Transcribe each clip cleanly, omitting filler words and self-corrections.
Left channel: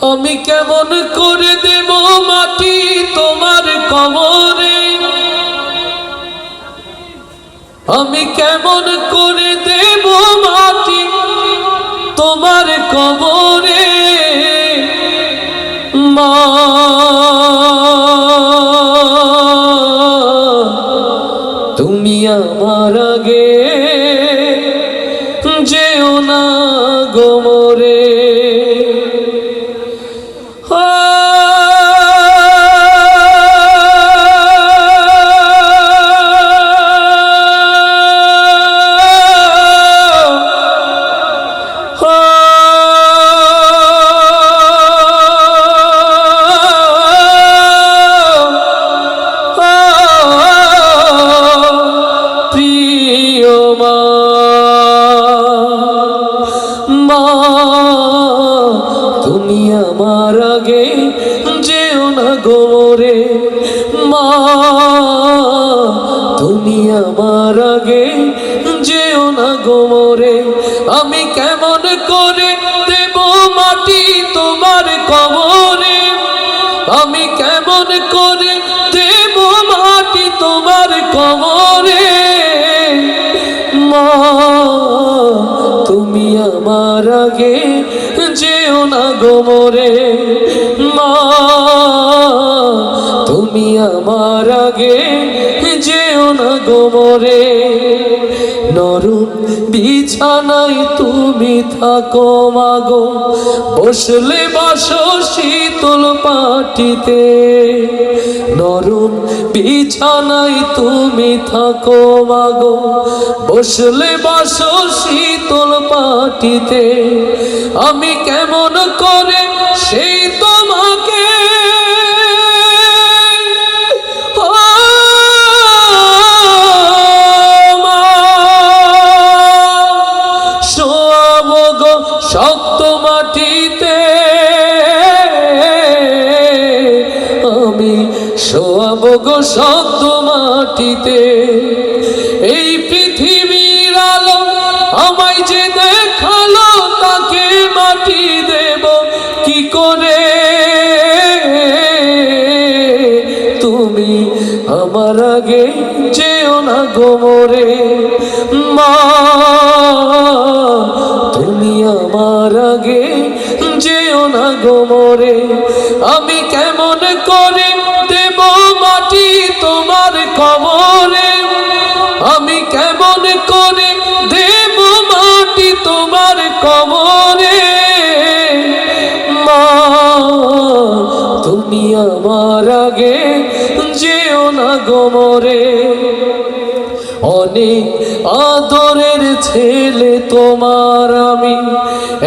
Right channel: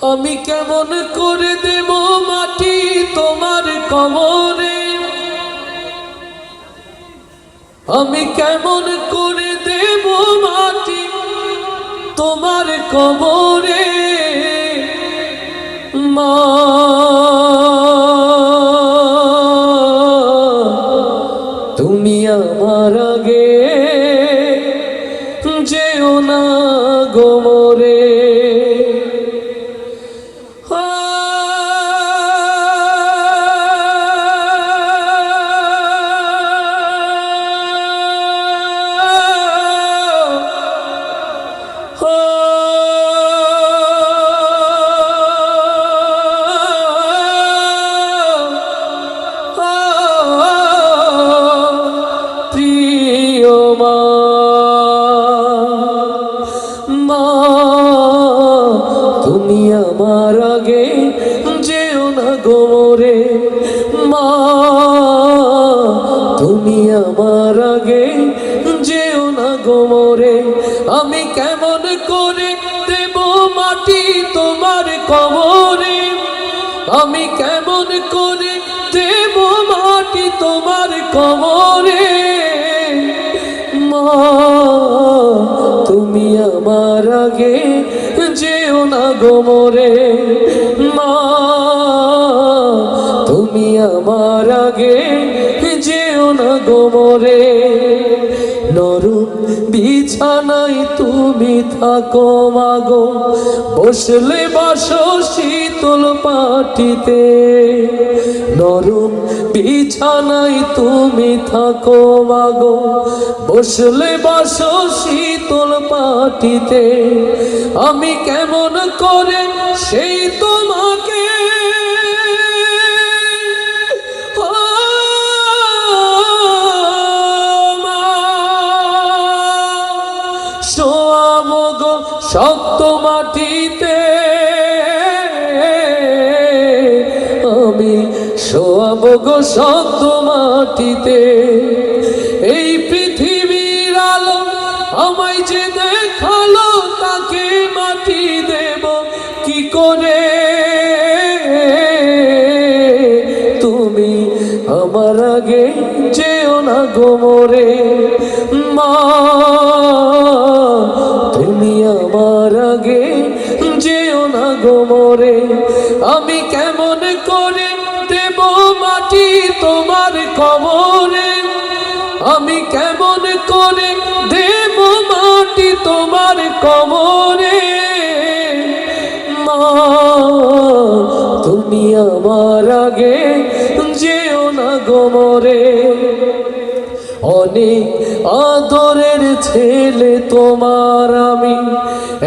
আমি কেমন করে দেব মাটি তোমার কবরে, আমি কেমন করে দেব মাটি তোমার কবরে। মা তুমি আমার আগে যেও না গো মরে। তুমি আমার আগে যেও না গো মরে। মা তুমি আমার আগে যেও না গো মরে। আমি কেমন করে দেব মাটি তোমার কবরে, আমি কেমন করে দেব মাটি তোমার কবরে। মা তুমি আমার আগে যেও না গো মরে। মা তুমি আমার আগে যেও না গো মরে। নরম বিছানায় তুমি থাকো মাগো, বসলে বসো শীতল পাটিতে। নরম বিছানায় তুমি থাকো মাগো, বসলে বসো শীতল পাটিতে। আমি কেমন করে সেই তোমাকে শোয়াবো গো শক্ত মাটিতে, আমি শোয়াবো গো শক্ত মাটিতে। এই পৃথিবীর আলো আমায় যে দেখালো, তাকে মাটি দেব কি করে। তুমি আমার আগে যেও না গো মরে। মা তুমি আমার আগে যেও না গো মরে। আমি কেমন করে দেব মাটি তোমার কবরে, আমি কেমন করে দেব মাটি তোমার কবরে। মা তুমি আমার আগে যেও না গো মরে। অনেক আদরের ছেলে তোমার আমি,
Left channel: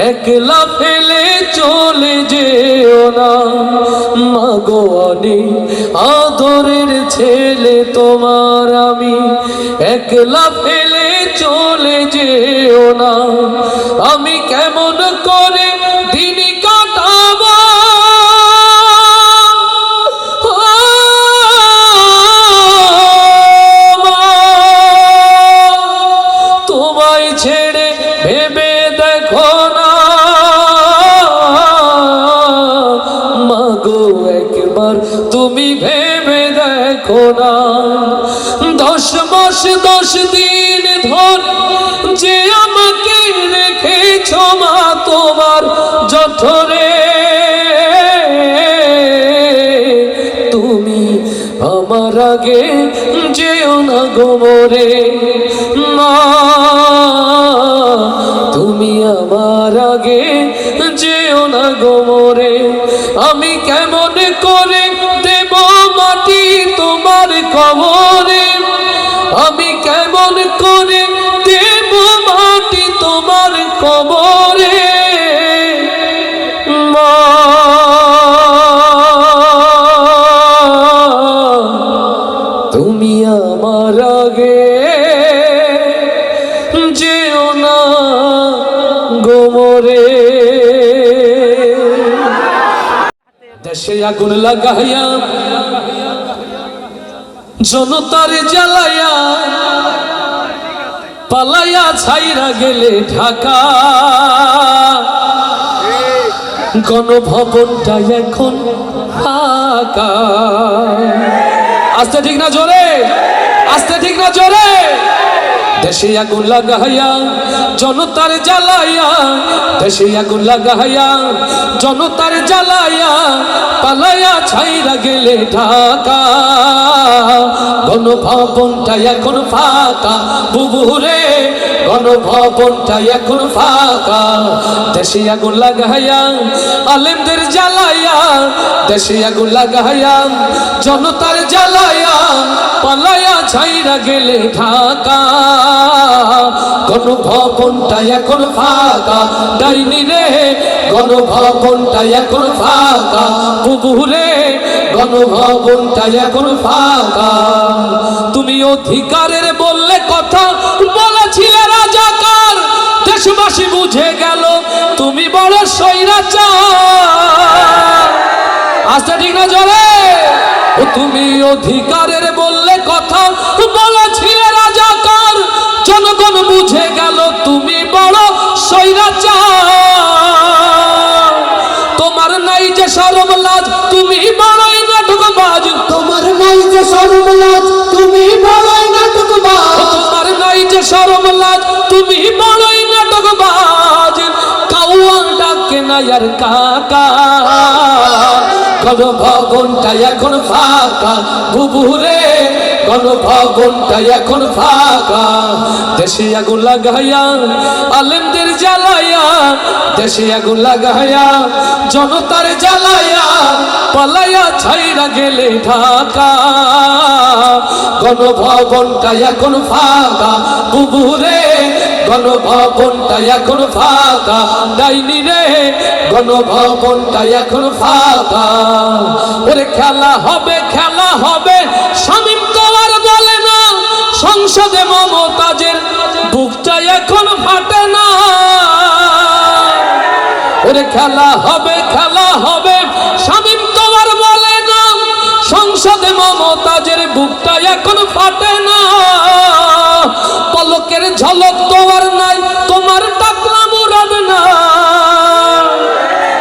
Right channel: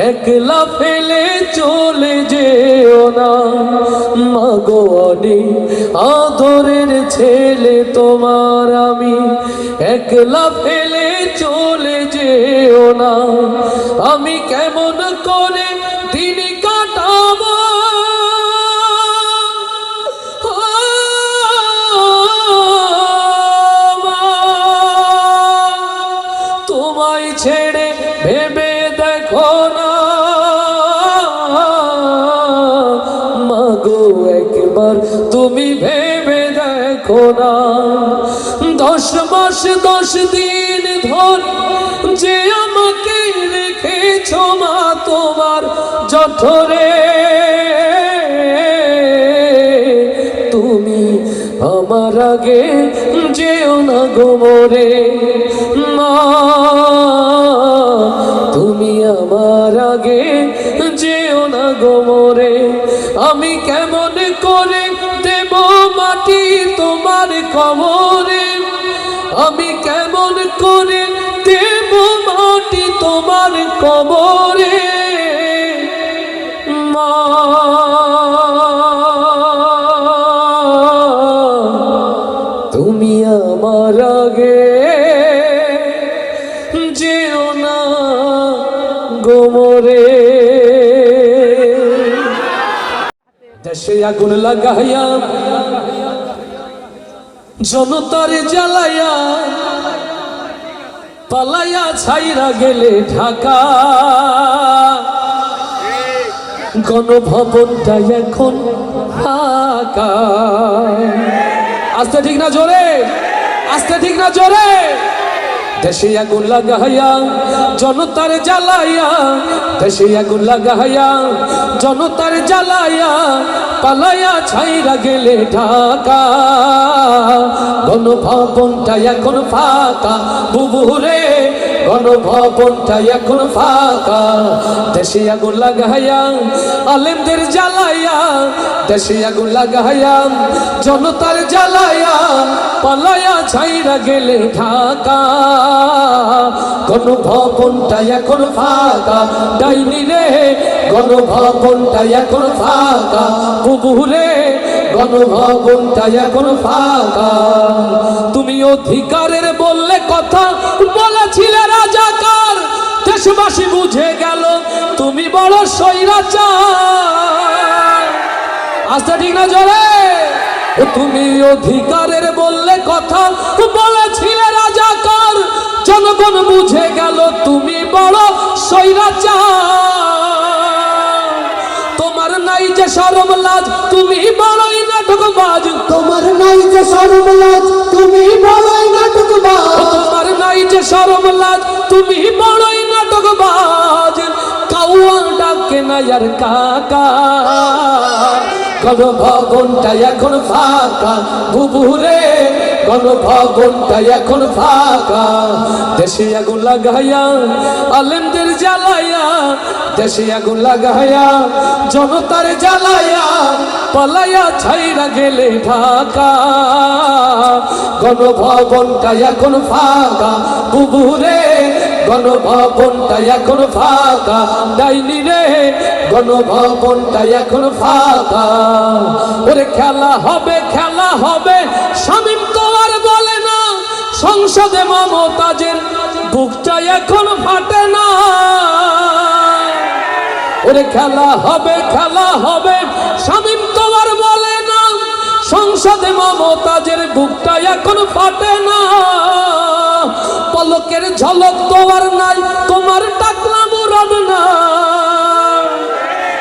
একলা ফেলে চলে যেও না। মাগো অনেক আদরের ছেলে তোমার আমি, একলা ফেলে চলে যেও না। আমি কেমন করে দিন কাটাবো, তোমায় ছেড়ে ভেবে দেখো না। মাগো একবার তুমি ভেবে দেখো না। 10 মাস 10 দিন ধর যে আমাকে রেখেছ মা তোমার জঠরে, তুমি আমার আগে যেও না গো মরে। মা তুমি আমার আগে যেও না গো মরে। আমি কেমন করে দেব মাটি তোমার কবরে, আমি কেমন করে দেব মাটি তোমার কবরে। মা তুমি আমার আগে যেও না গো মরে। দেশে আগুন লাগাইয়া জনতার জ্বালাইয়া, পালাইয়া ছাইরা গেলে ঢাকা। গণভবনটা এখন ফাঁকা। আস্তে ঠিক না জোরে, আস্তে ঠিক না জোরে। দেশে আগুন লাগাইয়া জনতার জ্বালাইয়া, দেশে আগুন লাগাইয়া জনতার জ্বালাইয়া, পালাইয়া ছাইরা গেলে ঢাকা। গণভবনটা এখন ফাঁকা বুবুরে, গণভবনটা এখন ফাঁকা। দেশে আগুন লাগাইয়া আলেমদের জ্বালাইয়া, দেশে আগুন লাগাইয়া জনতার জ্বালাইয়া, পালাইয়া ছাইরা গেলে ঢাকা। গণভবনটা এখন ফাঁকা ডাইনি রে, গণভবনটা এখন ফাঁকা বুবুরে, গণভবনটা এখন ফাঁকা। তুমি অধিকারের বললে কথা বলেছিলে রাজাকার, দেশবাসী বুঝে গেল তুমি বড় স্বৈরাচার। আচ্ছা ঠিক না জোরে। তুমি অধিকারের বললে কথা বলেছিলে রাজাকার, জনগণ বুঝে গেল তুমি বড় স্বৈরাচার। তোমার নাই যে শরম লাজ, তুমি বড়ই নাটকবাজ। তোমার নাই যে শরম লাজ, তুমি বড়ই নাটকবাজ। তোমার নাই যে শরম লাজ, তুমি বড়ই নাটকবাজ। কাউয়ান ডাকে না আর কাকা। গণভবনটা এখন ফাঁকা বুবুরে, গণভবনটা এখন ফাঁকা। দেশে আগুন লাগাইয়া আলেমদের জ্বালাইয়া, দেশে আগুন লাগাইয়া জনতার জ্বালাইয়া, পালাইয়া ছাইরা গেলে ঢাকা। গণভবনটা এখন ফাঁকা বুবুরে, গণভবনটা এখন ফাঁকা ডাইনি রে, গণভবনটা এখন ফাঁকা। ওরে খেলা হবে, খেলা হবে, শামীম তো আর বলে না, সংসদে মমতাজের বুকটা এখন ফাটে না। ওরে খেলা হবে, খেলা হবে, শামীম তো আর বলে না, সংসদে মমতাজের বুকটা এখন ফাটে না। পলকের ঝলক তো আর নাই, তোমার টাকলা মুরাদ না।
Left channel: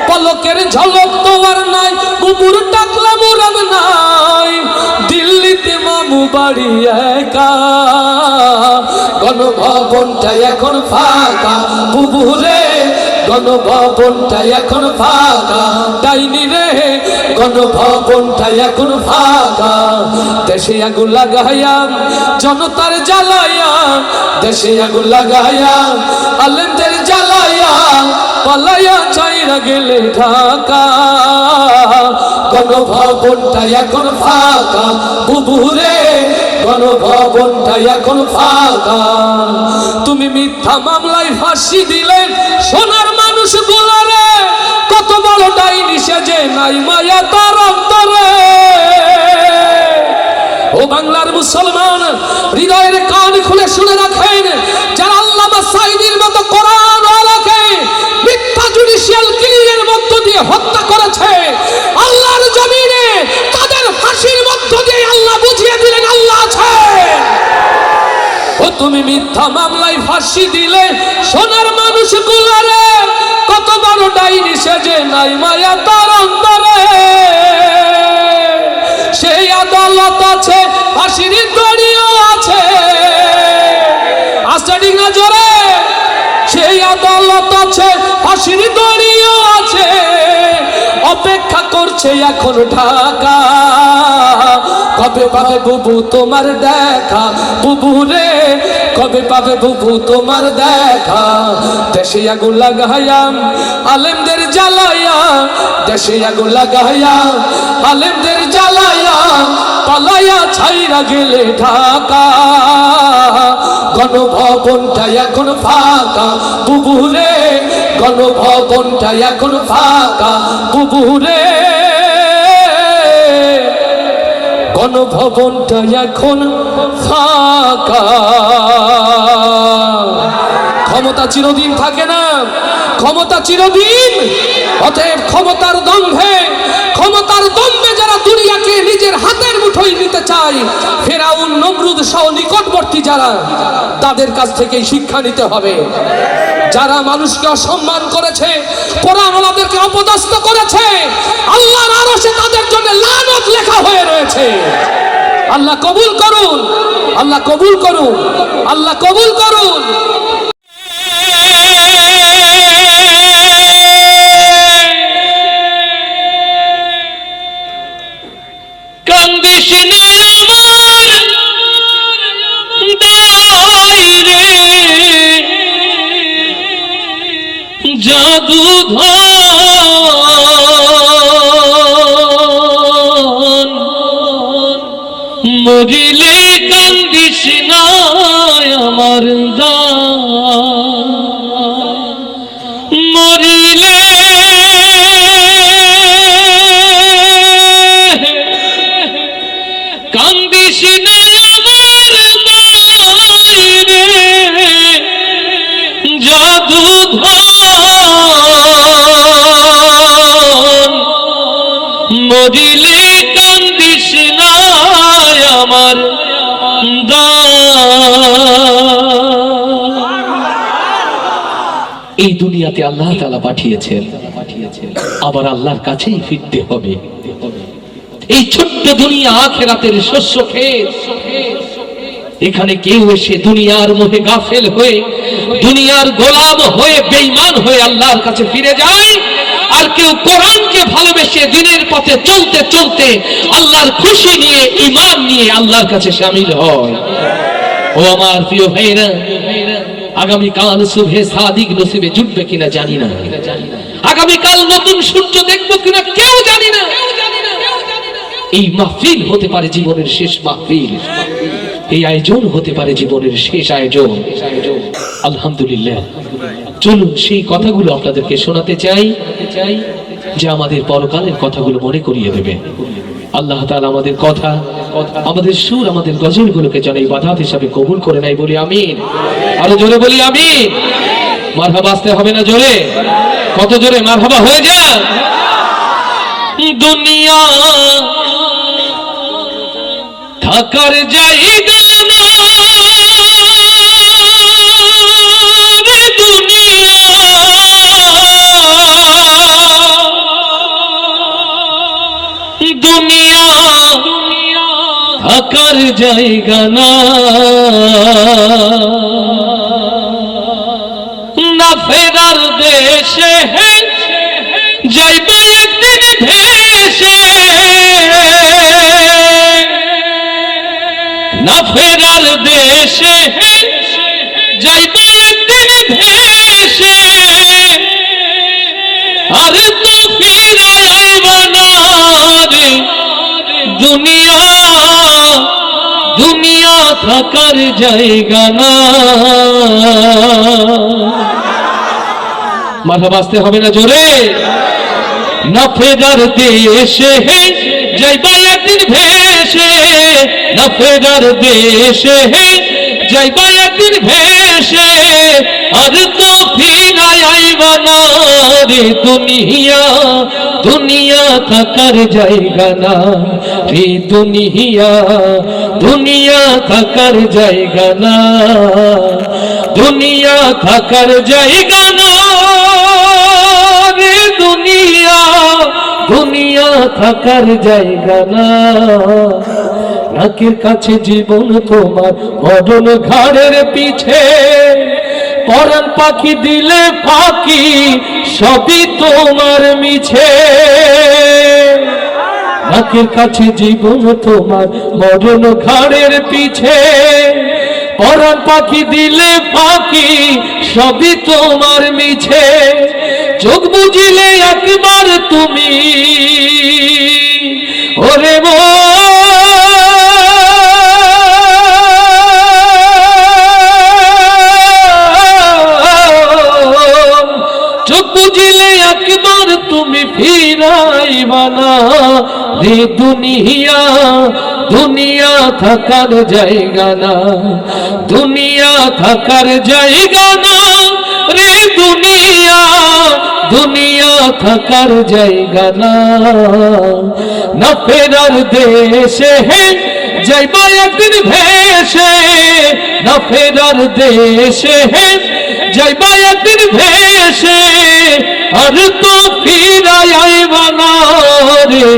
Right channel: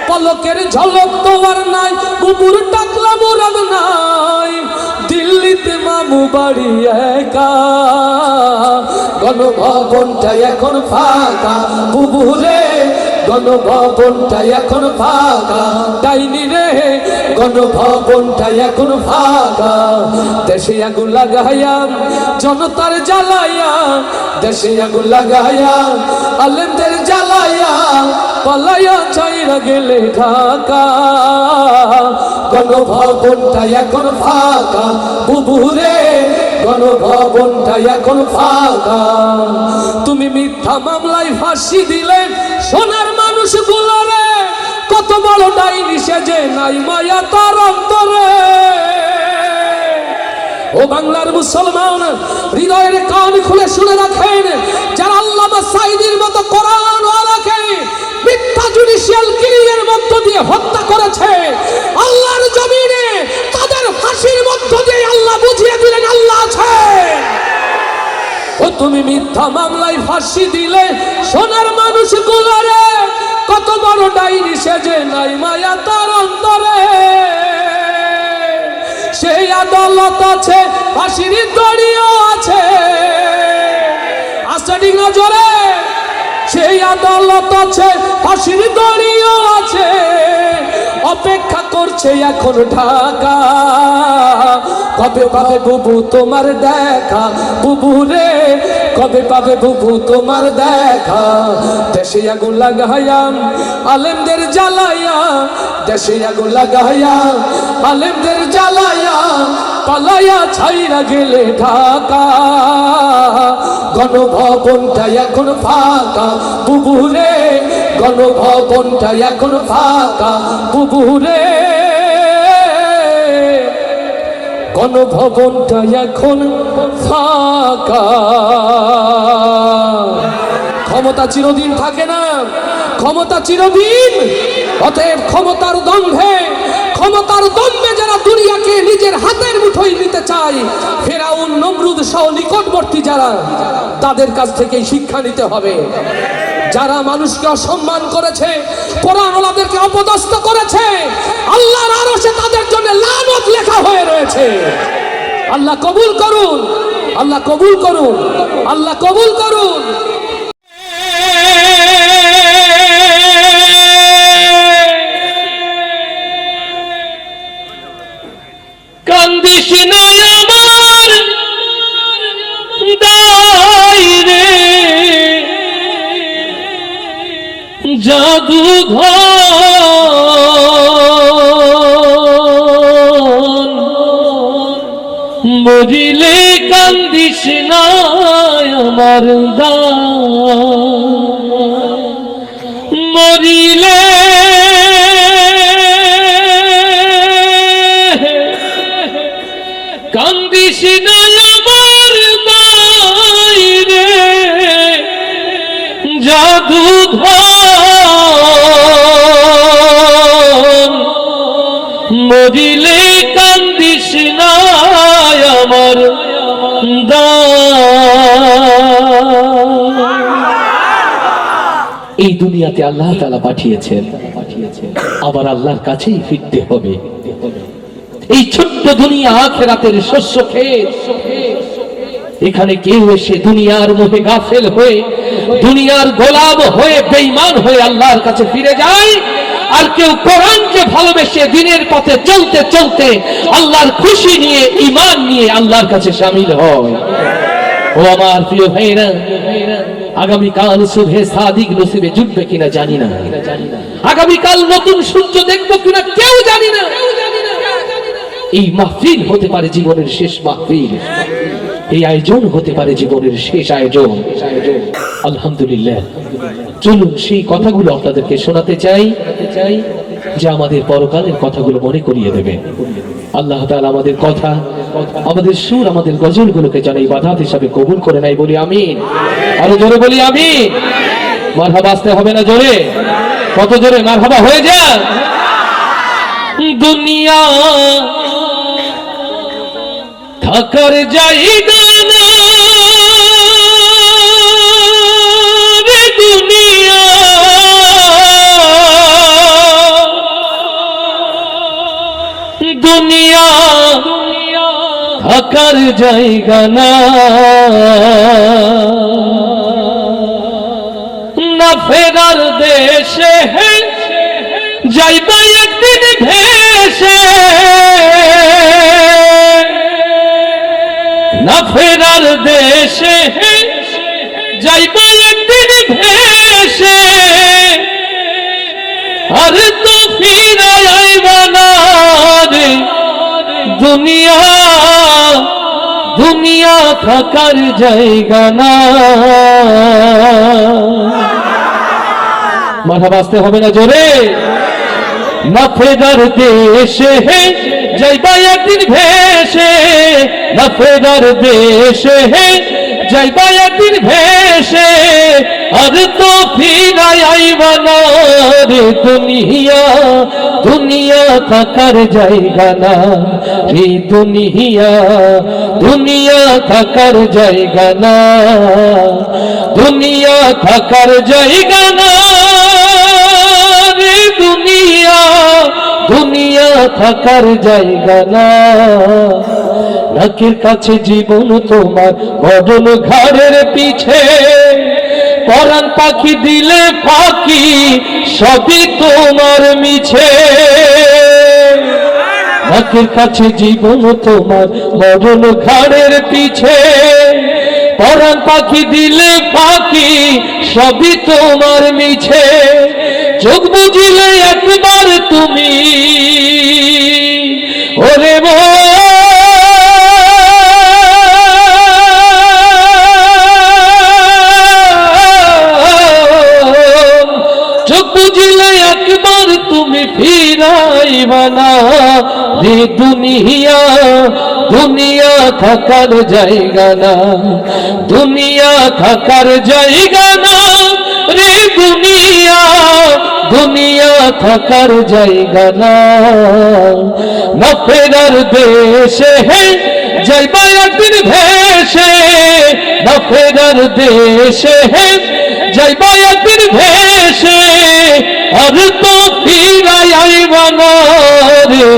পলকের ঝলক তো আর নাই, বুবুর টাকলা মুরাদ নাই। দিল্লিতে মামু বাড়ি একা। গণভবনটা এখন ফাঁকা বুবুরে, গণভবনটা এখন ফাঁকা ডাইনি রে, গণভবনটা এখন ফাঁকা। দেশে আগুন লাগাইয়া জনতার জ্বালাইয়া, দেশে আগুন লাগাইয়া আলেমদের জ্বালাইয়া, পালাইয়া ছাইরা গেলে ঢাকা। গণভবনটা এখন ফাঁকা বুবুরে, গণভবনটা এখন ফাঁকা। তুমি মিথ্যা মামলায় ফাঁসি দিলে সোনার মানুষ গুলারে, কত বড় ডাইনি সেজে নাই মায়া তার অন্তরে। ও বাংলার মুসলমান, হৃদয়ের কান খুলে শুনে রাখেন, যারা আল্লামা সাঈদীর মতো কোরআন আলোকে মিথ্যা জুডিশিয়াল কিলিংয়ের মধ্য দিয়ে হত্যা করেছে, আল্লাহর জমিনে তাদের ফাঁসির মধ্য দিয়ে আল্লাহ বুঝিয়ে দিলেন আল্লাহ আছে। ও তুমি মিথ্যা মামলায় ফাঁসি দিলে সোনার মানুষ গুলারে, কত বড় ডাইনি সেজে নাই মায়া তার অন্তরে। সেই আদালত আছে, ফাঁসির দড়িও আছে। আচ্ছা ঠিক না জোরে। সেই আদালত আছে, ফাঁসির দড়িও আছে, অপেক্ষা করছে এখন ঢাকা। কবে পাবে বুবু তোমার দেখা বুবুরে, কবে পাবে বুবু তোমার দেখা। দেশে আগুন লাগাইয়া আলেমদের জ্বালাইয়া, দেশে আগুন লাগাইয়া আলেমদের জ্বালাইয়া, পালাইয়া ছাইরা গেলে ঢাকা। গণভবনটা এখন ফাঁকা বুবুরে, গণভবনটা এখন ফাঁকা বুবুরে, গণভবনটা এখন ফাঁকা। ক্ষমতা চিরদিন থাকে না, ক্ষমতা চিরদিন। অতএব ক্ষমতার দম্ভে, ক্ষমতার দম্ভে যারা দুনিয়াকে নিজের হাতের মুঠোয় নিতে চায়, ফেরাউন নমরুদ সহ নিকটবর্তী যারা, তাদের কাছ থেকে শিক্ষা নিতে হবে। যারা মানুষকে অসম্মান করেছে, কোরআন ওয়ালাদেরকে অপদস্থ করেছে, আল্লাহর আরশে তাদের জন্য লানত লেখা হয়ে রয়েছে। আল্লাহ কবুল করুন, আল্লাহ কবুল করুন, আল্লাহ কবুল করুন। কান্দিস না আমার দাইরে জাদুঘর, মরিলে কান্দিস না আমার মরিলে কান্দিস না আমার দাইরে জাদুঘর, মরিলে কান্দিস না আমার এই দুনিয়াতে আল্লাহ তাআলা পাঠিয়েছেন, আবার আল্লাহর কাছেই ফিরতে হবে। এই ছোট্ট দুনিয়া আখিরাতের শস্য ক্ষেত। এখানে কেউ এসে দুনিয়ার মোহে গাফেল হয়ে, দুনিয়ার গোলাম হয়ে, বেঈমান হয়ে আল্লাহর কাছে ফিরে যায়, আর কেউ কোরআনকে ভালোবেসে দিনের পথে চলতে চলতে আল্লাহর খুশি নিয়ে, ঈমান নিয়ে আল্লাহর কাছে শামিল হয়। ও আমার প্রিয় ভাইরা, আগামীকাল শুভে সাদিক নসিবে জুটবে কিনা জানি না, আগামীকাল নতুন সূর্য দেখবো কিনা কেউ জানি না। এই মাহফিল হতে পারে জীবনের শেষ মাহফিল, এই আয়োজন হতে পারে জীবনের শেষ আয়োজন। আলহামদুলিল্লাহ, চলুন সেই কথাগুলো আপনাদেরকে শোনাতে চাই, যে আমাদের পরকালের কথাগুলো মনে করিয়ে দেবে। আল্লাহ তাআলা আমাদের কথা, আমাদের সুর, আমাদের গজলগুলোকে যেন ইবাদত হিসাবে কবুল করে নেয়, বলি আমিন। আরো জোরে বলি আমিন। মারহাবা আসতে হবে না জোরে? কত জোরে মারহাবা হয়ে যায়। দুনিয়া থাকার জায়গা না রে, দুনিয়া দুনিয়া থাকার জায়গা না, না ফেরার দেশে যাইবা একদিন ভেসে, না ফেরার দেশে যাইবা একদিন ভেসে, আর তো ফিরাইবা না রে দুনিয়া, দুনিয়া থাকার জায়গা না। মাথা বাঁচতে হবে না জোরে? না ফেরার দেশে যাইবা একদিন ভেসে, না ফেরার দেশে যাইবা একদিন ভেসে, আর তো ফিরাইবা না রে দুনিয়া, দুনিয়া থাকার জায়গা না রে দুনিয়া, দুনিয়া থাকার জায়গা না, দুনিয়া থাকার জায়গা না রে দুনিয়া, দুনিয়া থাকার জায়গা না। নাকের কাছে জীবন তোমার, মরণ ঘাড়ের পিছে, পরাণ পাখি দিলে ফাঁকি, সবই তোমার মিছে। নাকের কাছে জীবন তোমার, মরণ ঘাড়ের পিছে, পরাণ পাখি দিলে ফাঁকি, সবই তোমার মিছে। চোখ বুঝিলে একবার তুমি ওরে চোখ বুঝিলে একবার তুমি ফিরাইবা না রে দুনিয়া, দুনিয়া থাকার জায়গা না, দুনিয়া থাকার জায়গা না রে দুনিয়া, দুনিয়া থাকার জায়গা না, না ফেরার দেশে যাইবা একদিন ভেসে, না ফেরার দেশে যাইবা একদিন ভেসে, আর তো ফিরাই আইবা না রে।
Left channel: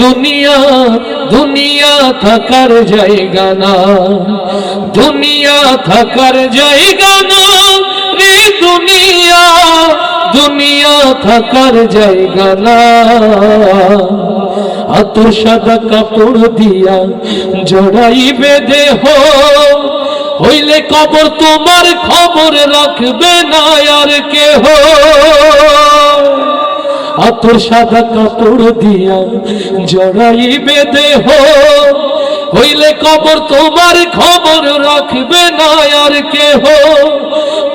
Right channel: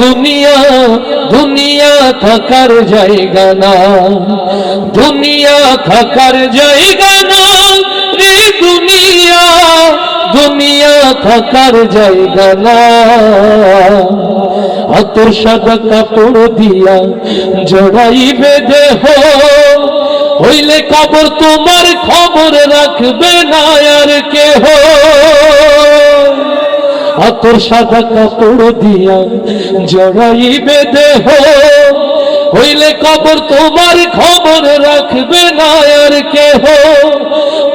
দুনিয়া দুনিয়া থাকার জায়গা না, দুনিয়া থাকার জায়গা না রে। দুনিয়া দুনিয়া থাকার জায়গা না। আতর সাদা কাপড় দিয়া জড়াইবে দেহ, হইলে কবর তোমার খবর রাখবে না আর কেহ। আতর সাদা কাপড় দিয়া জড়াইবে দেহ, হইলে কবর তোমার খবর রাখবে না আর কেহ।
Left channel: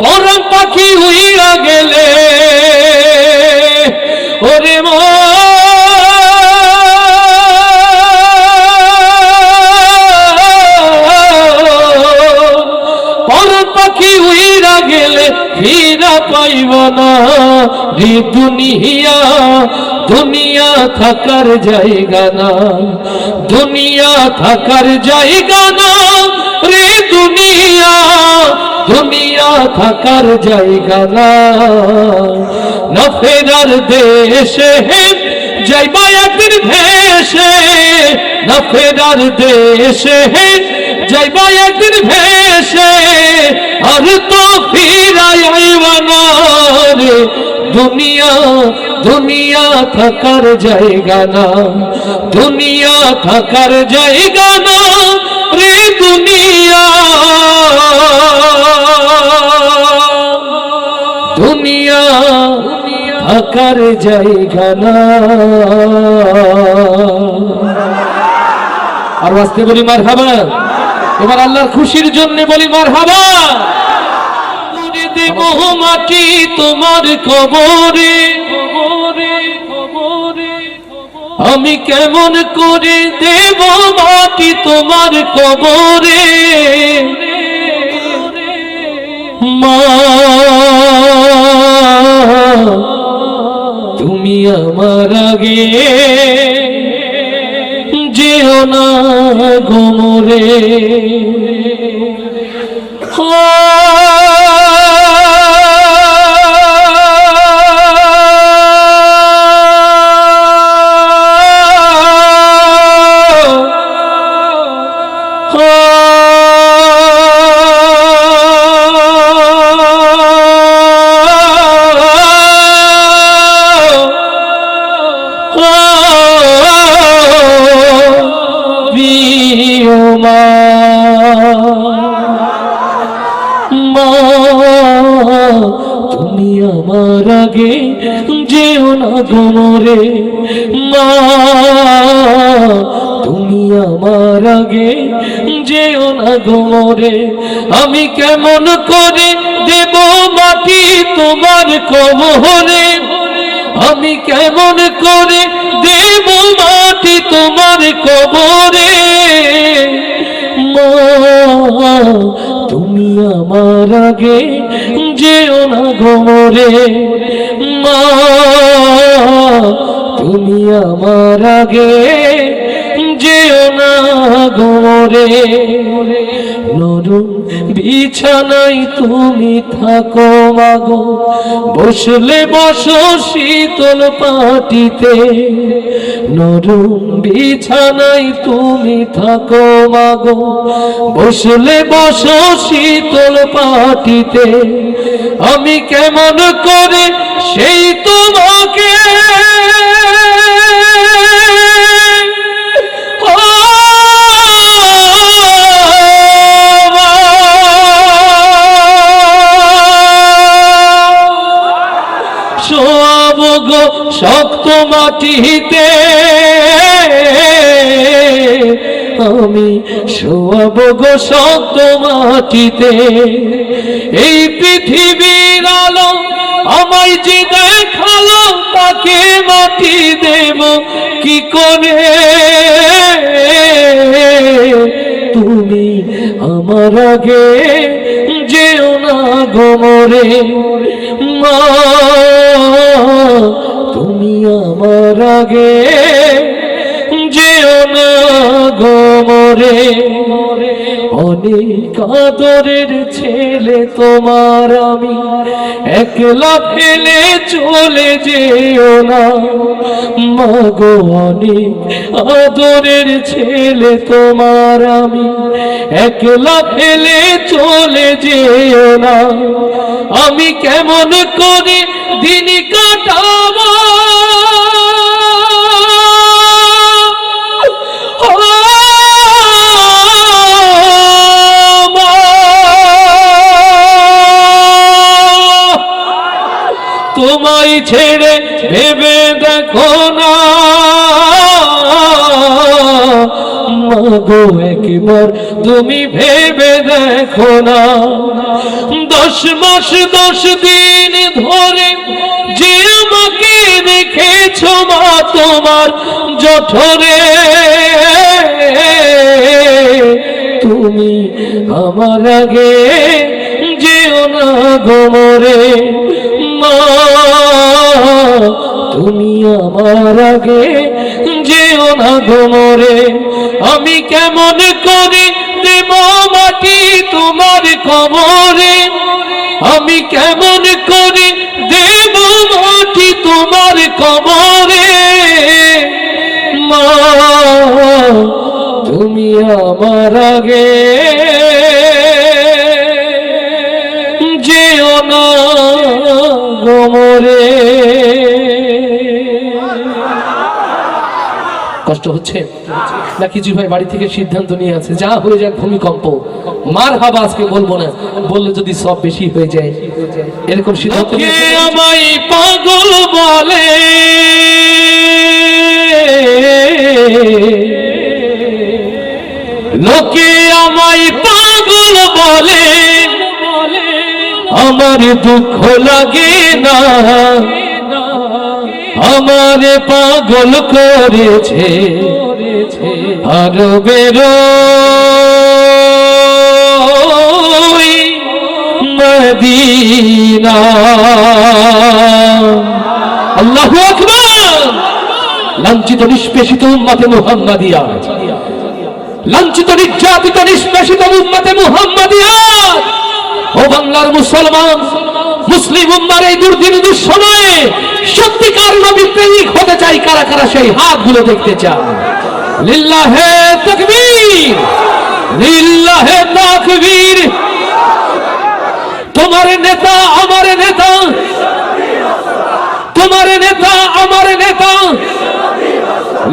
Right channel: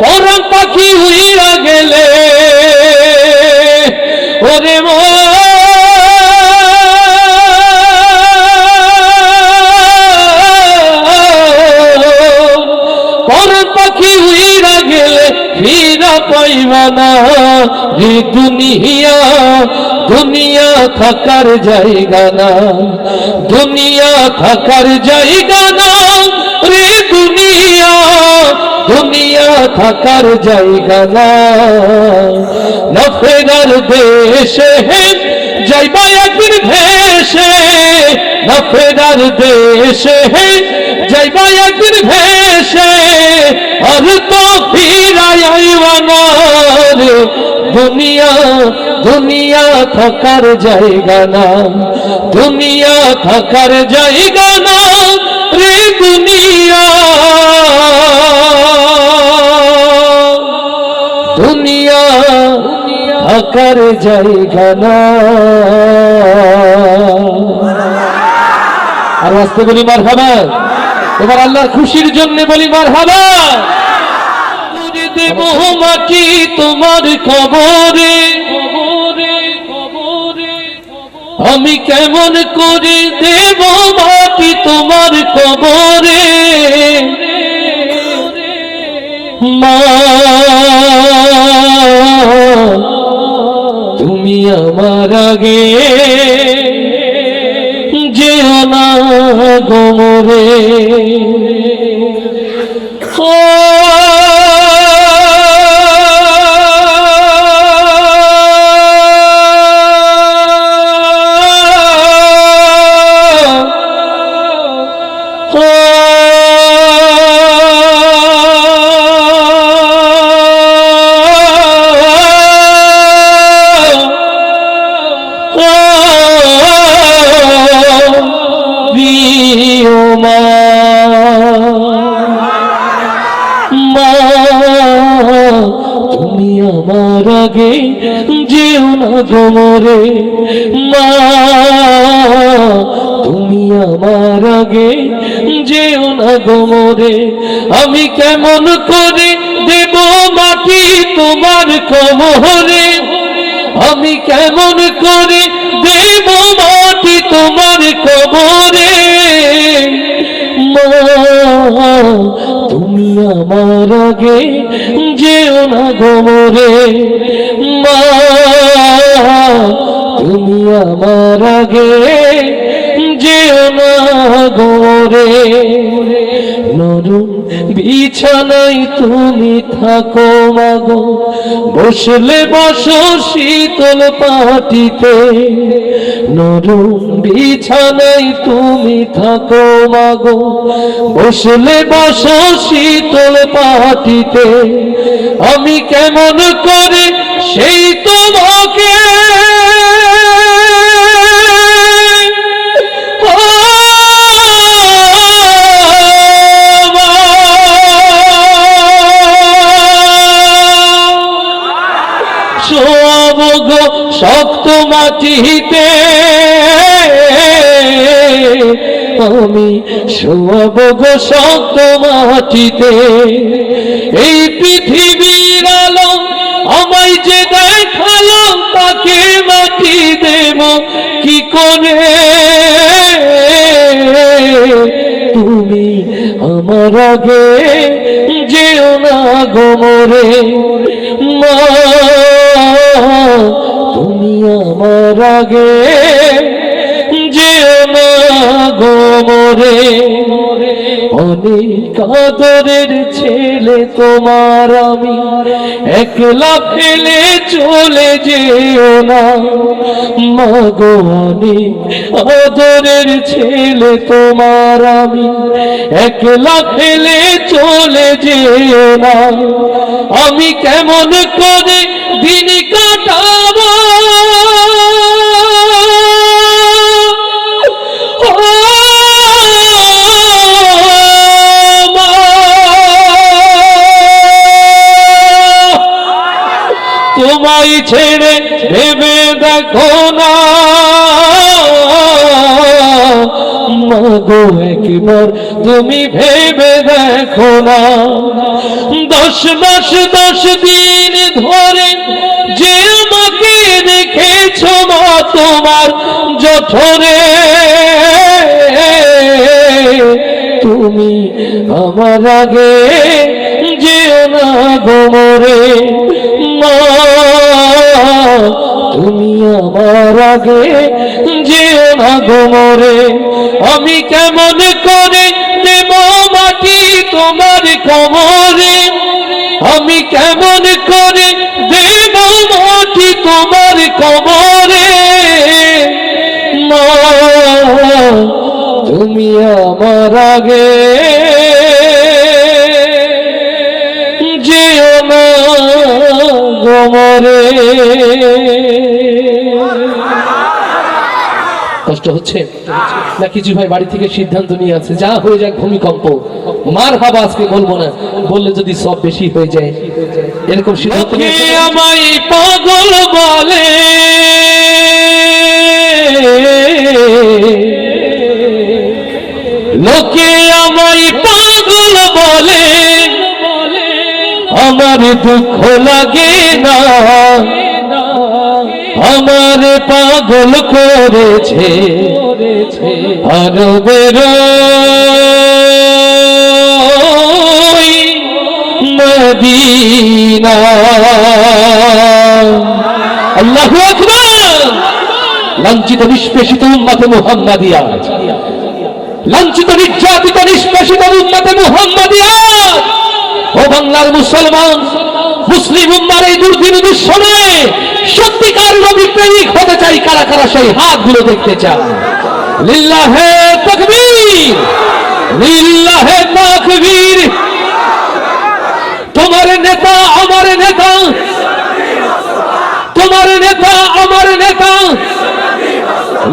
পরাণ পাখি উইরা গেলে ওরে মা, পরাণ পাখি উইরা গেলে ফিরা পাইবা না রে। দুনিয়া দুনিয়া থাকার জায়গা না, দুনিয়া থাকার জায়গা না রে। দুনিয়া দুনিয়া থাকার জায়গা না, না ফেরার দেশে যাইবা একদিন ভেসে, না ফেরার দেশে যাইবা একদিন ভেসে, আর তো ফিরাই আইবা না রে। দুনিয়া দুনিয়া থাকার জায়গা না, দুনিয়া থাকার জায়গা না রে। দুনিয়া দুনিয়া থাকার জায়গা না। আর আস্তে বলি মারহাবা, তোমার আল্লাহর খুশির জন্য বলি মারহাবা। দেব মাটি তোমার কবরে, আমি কেমন করে দেব মাটি তোমার কবরে। মা তুমি আমার আগে যেও না গোমরে। তুমি আমার আগে যেও না গোমরে। মা তুমি আমার আগে যেও না গোমরে। আমি কেমন করে দেব মাটি তোমার কবরে, আমি কেমন করে দেব মাটি তোমার কবরে। মা তুমি আমার আগে যেও না গোমরে। মা তুমি আমার আগে যেও না গোমরে। নরম বিছানায় তুমি থাকো মাগো, বসলে বসো শীতল পাটিতে। নরম বিছানায় তুমি থাকো মাগো, বসলে বসো শীতল পাটিতে। আমি কেমন করে সেই তোমাকে শোয়াব গো শক্ত মাটিতে। আমি শোয়াব গো শক্ত মাটিতে। এই পৃথিবীর আলো আমায় যে দেখালো, তাকে মাটি দেব কি করে। তুমি আমার আগে যে যেও না গো মোরে মা, তুমি আমার আগে যেও না গো মোরে। অনেক আদরের ছেলে তোমার আমি, একলা ফেলে চলে যেও না মা গো। অনেক আদরের ছেলে তোমার আমি, একলা ফেলে চলে যেও না। আমি কেমন করে দিন কাটাবো তোমায় ছেড়ে ভেবে দেখো না মাগো, একবার তুমি ভেবে দেখো না। 10 মাস 10 দিন ধরে যে আমাকে রেখেছো মা তোমার জঠরে, তুমি আমার আগে যেও না গো মোরে মা, তুমি আমার আগে যেও না গো মোরে। আমি কেমন করে দেব মাটি তোমার কবরে, আমি কেমন করে দেব মাটি তোমার কবরে মা, তুমি আমার আগে যেও না গো মোরে। কষ্ট হচ্ছে না কিছু ভাই বাড়ি থেকে সিদ্ধান্ত নিয়ে আছে যা হয়ে যাক ভূমিকম্প মার হাবা আজকে বলবো না, বললে যদি সব বেশি হয়ে যায় এরকম সিদ্ধান্ত। আমায় পাগল বলে লোকে আমায় পাগল বলে, আমার দুঃখ লাগে না, আমার পাগল করেছে আরবের মদিনা। আল্লাহু আকবার। লাঞ্ছিত নিষ্পেষিত উম্মতে মুহাম্মাদিয়া, লাঞ্ছিত নির্যাতিত নিষ্পেষিত উম্মতে মুহাম্মাদিয়া, ও বাংলার মুসলমান মুসলিম উম্মার এই দুর্দিন দুঃসময়ে সত্যিকার নবী প্রেমিক হতে চাই কারা কারা সেই হাতগুলো দেখতে চান। লিল্লাহে তাকবীর, লিল্লাহে তাকবীর। তোমার নেতা আমার নেতা, তোমার নেতা আমার নেতা,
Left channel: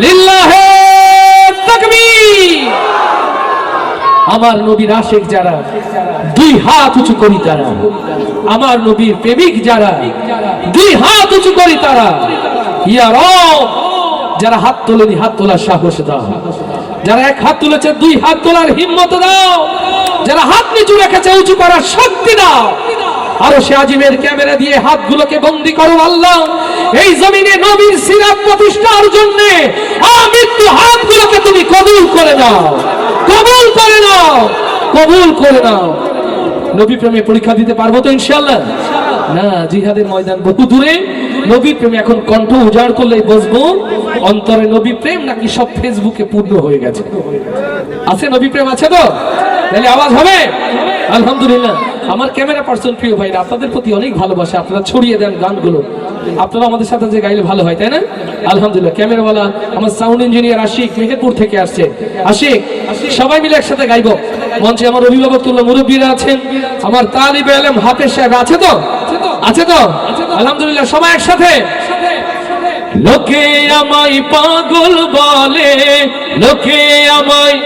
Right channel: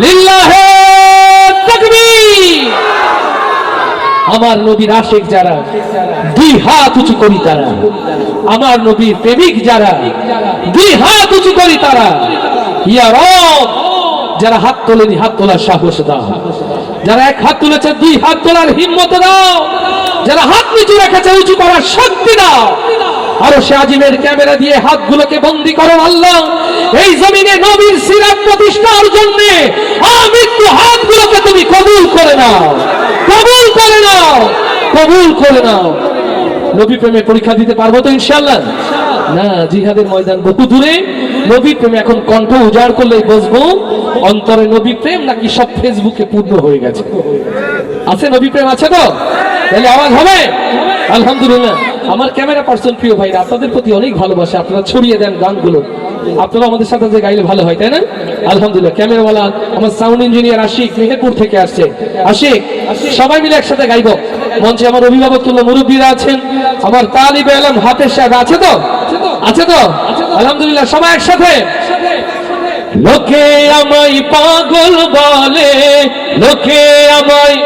লিল্লাহে তাকবীর। আমার নবীর আশিক যারা 2 হাত উঁচু করি তারা, আমার নবীর প্রেমিক যারা 2 হাত উঁচু করি তারা। ইয়া রব, যারা হাত তোলেনি হাত তোলার সাহস দাও, যারা 1 হাত তুলেছে 2 হাত তোলার হিম্মত দাও, যারা হাত নিচু রেখেছে উঁচু করার শক্তি দাও। আরো সে আজিমের ক্যামেরা দিয়ে হাতগুলোকে বন্দী করেন আল্লাহ। এই জমিনে নবীর সিরাত প্রতিষ্ঠার জন্য আমৃত্যু হাতগুলোকে তুমি কবুল করে নাও, কবুল করে নাও, কবুল করে নাও। নবী প্রেমে পরীক্ষা দিতে পারবো তো ইনশাআল্লাহ? না, জিহাদের ময়দান বহু দূরে। নবী প্রেমে এখন কণ্ঠ উজাড় করলেই বসবো অন্তরে নবী প্রেম নাকি সব ফেসবুকে পূর্ণ হয়ে গেছে? আছে নবী প্রেম আছে তো? তাহলে আওয়াজ হবে আলহামদুলিল্লাহ। আমার ক্যামেরা পার্সন প্রিয় ভাইরা, আপনাদের প্রতি অনেক ভালোবাসা, আপনারা ছড়িয়ে দেন গানগুলো, আপনারা আমাদের সাথে যে গাইলে ভালো হয়, তাই না? আলহামদুলিল্লাহ। ক্যামেরাওয়ালা আমার সাউন্ড ইঞ্জিনিয়ার আশিক মেহেরপুর থেকে আসছে। আশিক, সবাই মিলে একসাথে গাইবো। মঞ্চে আমার অভিভাবক তুল্য মুরব্বীরা আছেন, আমার তালিবে ইলম হাফেজ সাহেব আছে তো? আছে তো? আলহামদুলিল্লাহ, সবাই একসাথে। লোকে আমায় পাগল বলে, লোকে আমায়,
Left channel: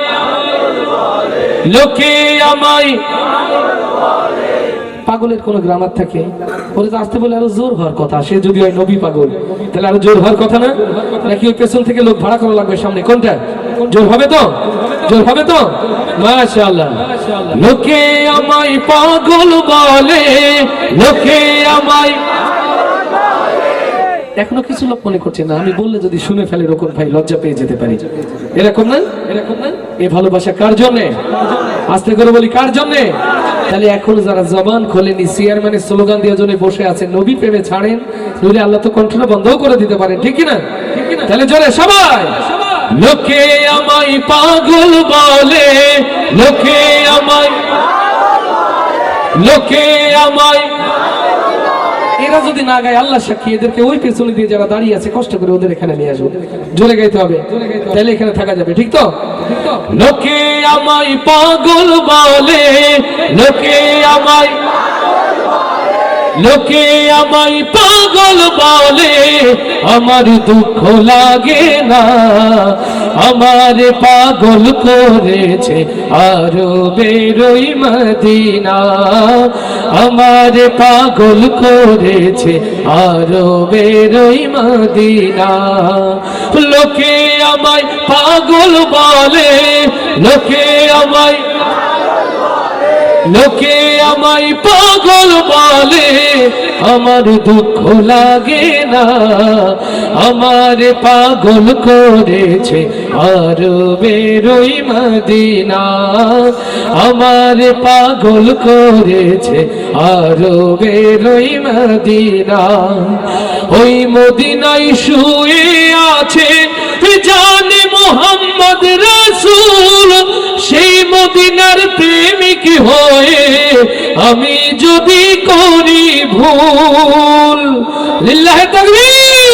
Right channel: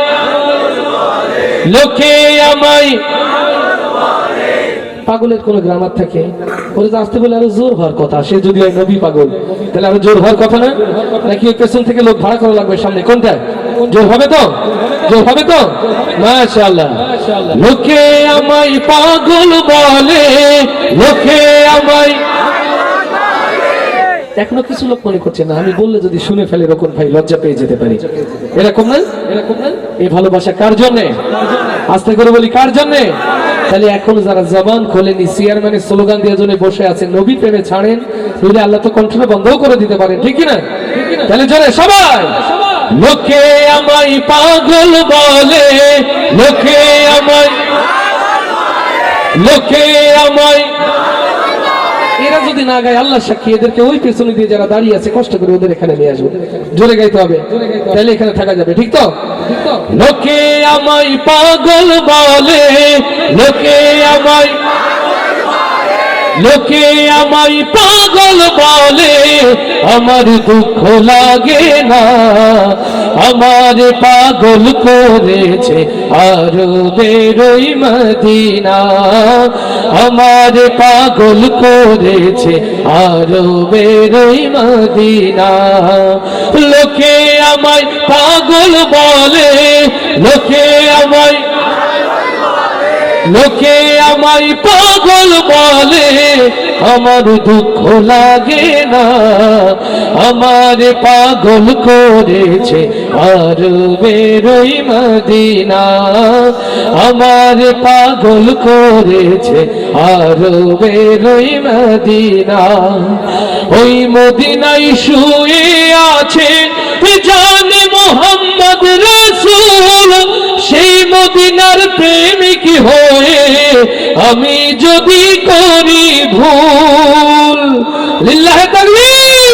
লোকে আমায় পাগলের কোন গ্রামার থাকে? ওরে তো আসতে বলে আরো জোর হওয়ার কথা। সে যদি হয় নবী পাগল, তাহলে আরো জোর হওয়ার কথা না? নাকি ওই পেছন থেকে লোক ভাড়া করা লাগবে সামনে? কোনটা জোর হবে তো? জোর হবে তো? মাশাআল্লাহ। লোকে আমায় পাগল বলে, লোকে আমায়, এখনো কিছু লোক মনে করছে না আমি বললে যদি শুনে ফেলে রকম ভাই লজ্জা পেয়ে যেতে পারি। এরকম না? এরকম না? এই ভালোবাসা কার জন্যে? আস্তে করে বলি, কার জন্যে? তাহলে এখন যারা জবান খোলেনি চেয়ারম্যানের স্লোগান দিয়ে জন্য বসে আছে নবী প্রেমে ছাড়েন, নইলে আল্লাহ তো কণ্ঠটা বন্ধও করে দিতে পারে, ঠিক কি না? তাহলে জোরে সবাই, লোকে আমায় পাগল বলে, লোকে আমায়, লোকে আমায়, এরা যদি না গায় আল্লাহ সাক্ষী, এদেরকে ওই পেছনে দিয়ে যারা দাঁড়িয়ে আছে কষ্ট করে ওদের এখানে নিয়ে আসবে, জোরে গাইতে হবে, তাহলে এখানে থাকা যাবে, ঠিক তো? লোকে আমায় পাগল বলে, লোকে আমায়, লোকে আমায় পাগল বলে, আমার দুঃখ লাগে না, আমার পাগল করেছে আরো বেরোই মদিনা, আমার পাগল করেছে আরো বেরোই মদিনা, লোকে আমায় পাগল বলে, লোকে আমায়, লোকে আমায় পাগল বলে, আমার দুঃখ লাগে না, আমার পাগল করেছে আর বেরোই মদিনা, আমার পাগল করেছে আর বেরোই মদিনা, ওই মদিনায় শুয়ে আছে জানে মোহাম্মদ রাসূল, সেই মদিনার প্রেমিক হয়ে আমি যদি করি ভুল, লিল্লাহি তাকবীর,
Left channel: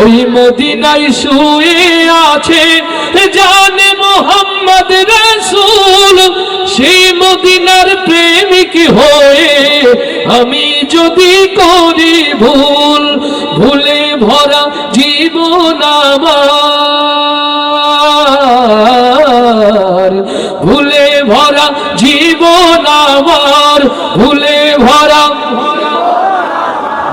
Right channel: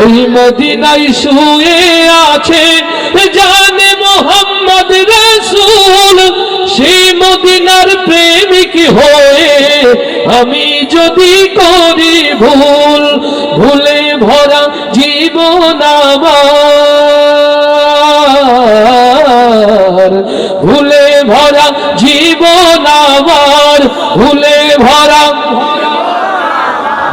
ওই মদিনায় শুয়ে আছে জানে মোহাম্মদ রাসূল, সেই মদিনার প্রেমিক হয়ে আমি যদি করি ভুল, ভুলে ভরা জীবন আমার, ভুলে ভরা জীবন আমার, ভুলে ভরা,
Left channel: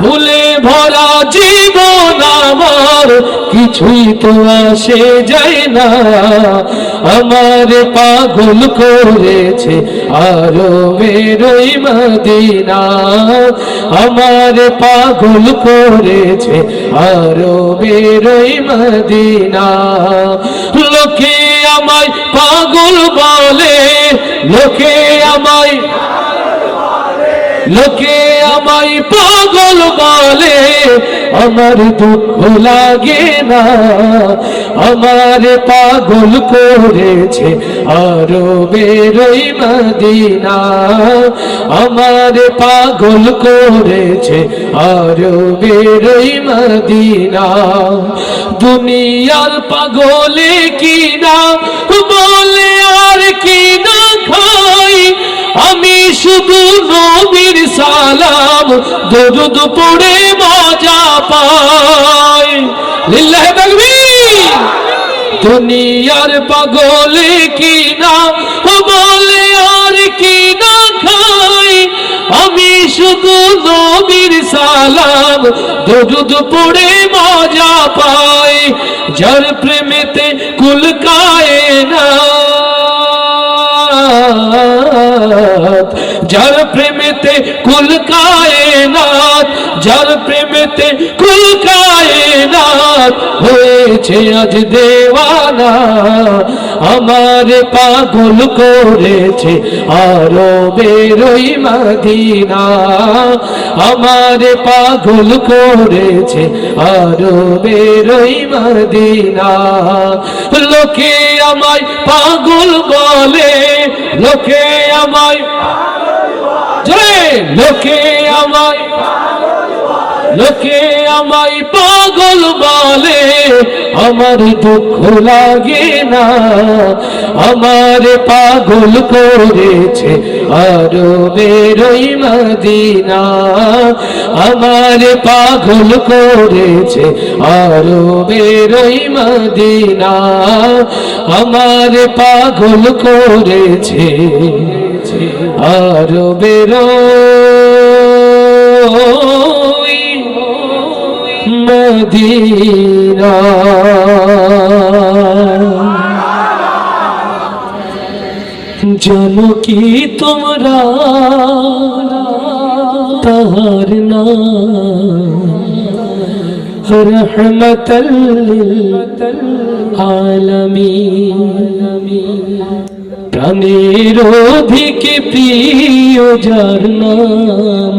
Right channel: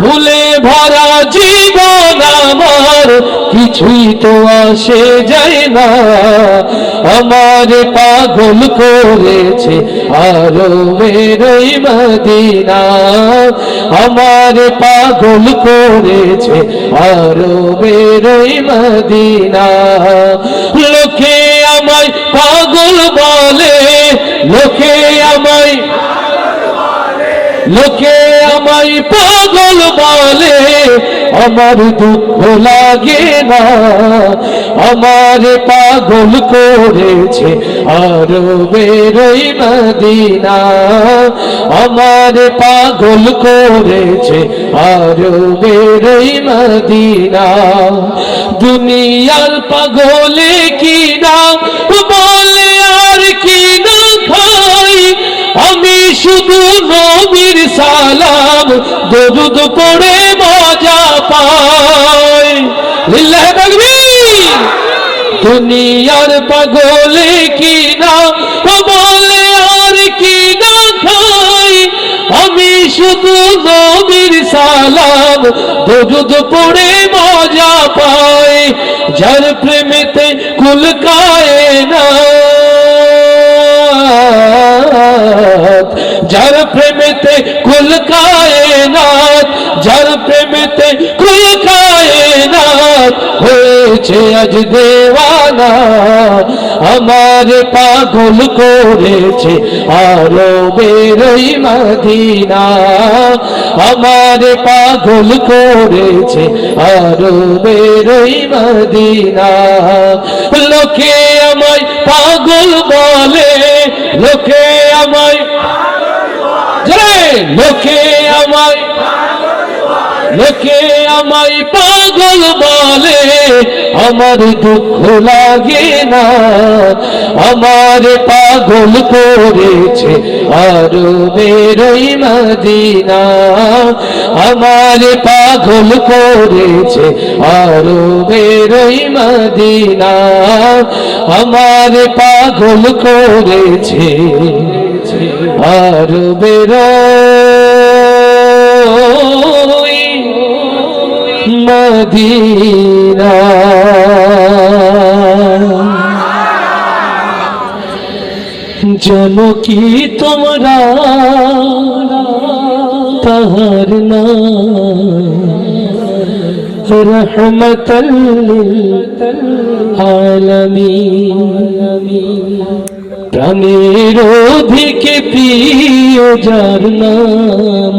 ভুলে ভরা জীবন আমার, কিছুই তো আসে যায় না, আমার পাগল করেছে আরো বেরোই মদিনা, আমার পাগল করেছে আরো বেরোই মদিনা, লোকে আমায় পাগল বলে, লোকে আমায়, লোকে আমায় পাগল বলে, আমার দুঃখ লাগে না, আমার পাগল করেছে আরো বেরোই মদিনা, আমার পাগল করেছে আরো বেরোই মদিনা, দুনিয়ার পাগলে কি না বলে আর কি না খাই, আমি শুধু নবীর সালাম দরুদ পড়ে মজা পাই, লিল্লাহি তাকবীর, দুনিয়ার পাগলে কি না বলে আর কি না খাই, আমি শুধু নবীর সালাম দরুদ পড়ে মজা পাই, যার প্রেমেতে কুল কায়নাত, যার প্রেমেতে কুল কায়নাত, যার প্রেমেতে কুল কায়নাত হয়েছে আজ দেওয়ানা, আমার পাগল করেছে আরো বেরোই মদিনা, আমার পাগল করেছে আরো বেরোই মদিনা, লোকে আমায় পাগল বলে, লোকে আমায়, লোকে আমায়, লোকে আমায় পাগল বলে, আমার দুঃখ লাগে না, আমার পাগল করেছে আরো বেরোই মদিনা, আমার পাগল করেছে আরো বেরোই মদিনা, আমার পাগল করেছে আরো বেরোই মদিনা। জানো কি তোমরা তাহার নাম رحمة للعالمين প্রাণের অধিক প্রিয় যার নাম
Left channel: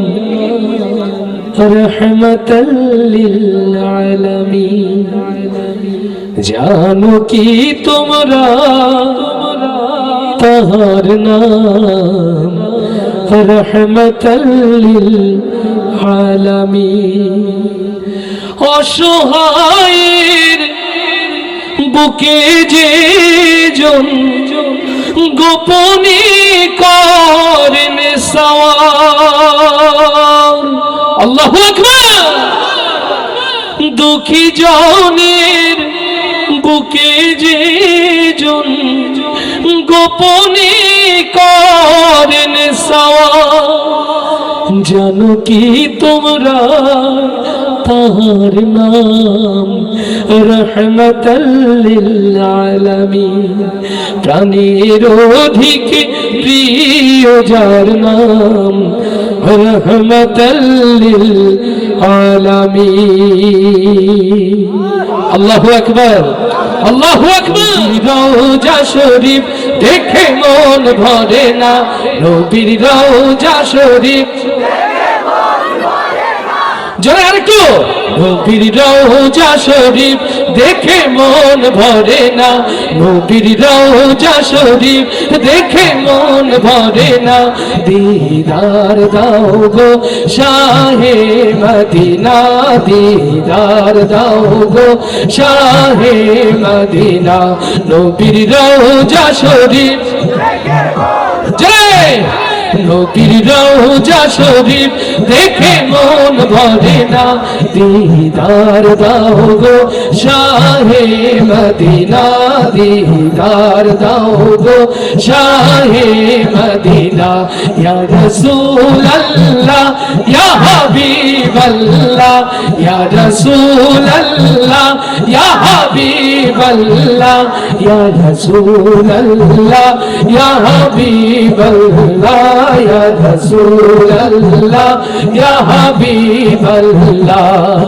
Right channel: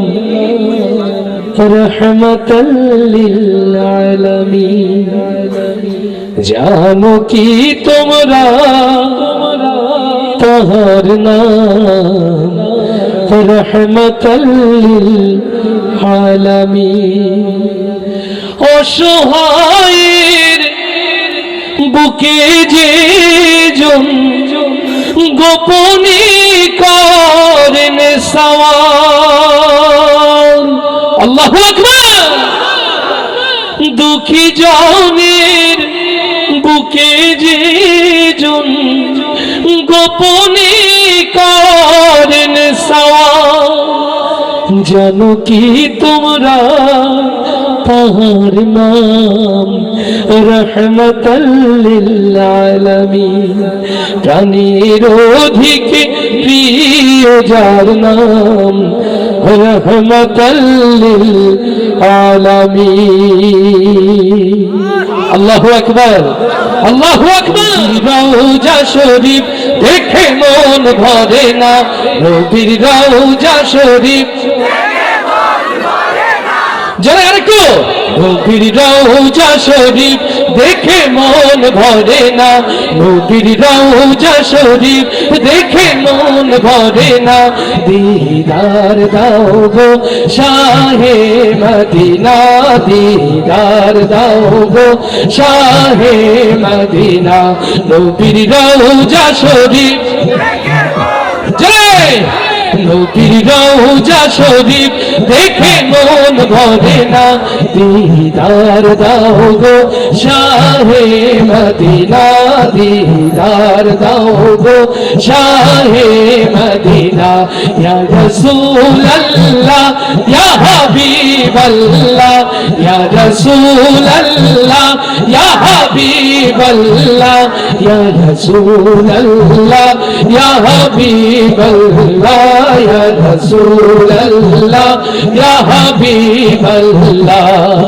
রহমতাল লিল আলামিন জানো কি তোমরা তাহার নাম রহমতাল লিল আলামিন অসহায়ের বুকে যে জন গোপনে করেন সওয়াল আল্লাহু আকবার দুঃখী জনের বুকে যে জন গোপনে করেন সওয়াল জানো কি তোমরা তাহার নাম রহমতাল লিল আলামিন প্রাণের অধিক প্রিয় যার নাম রহমতাল লিল আলামিন আল্লাহু আকবার আল্লাহু আকবার রওজা শরীফ দেখে মন ভরে না নবীর রওজা শরীফ যারা আর কেউ নবীর রওজা শরীফ দেখে মন ভরে না নবীর রওজা শরীফ দেখে মন ভরে না দিদার দাও গো শাহে মদিনা দিদার দাও গো শাহে মদিনা নবীর রওজা শরীফ জয় নবীর রওজা শরীফ দেখে মন ভরে না দিদার দাও গো শাহে মদিনা দিদার দাও গো শাহে মদিনা ইয়া রাসূলুল্লাহ ইয়া হাবিবাল্লাহ ইয়া রাসূলুল্লাহ ইয়া হাবিবাল্লাহ ইয়া রাসূলুল্লাহ ইয়া হাবিবাল্লাহ يا رسول الله يا حبيب الله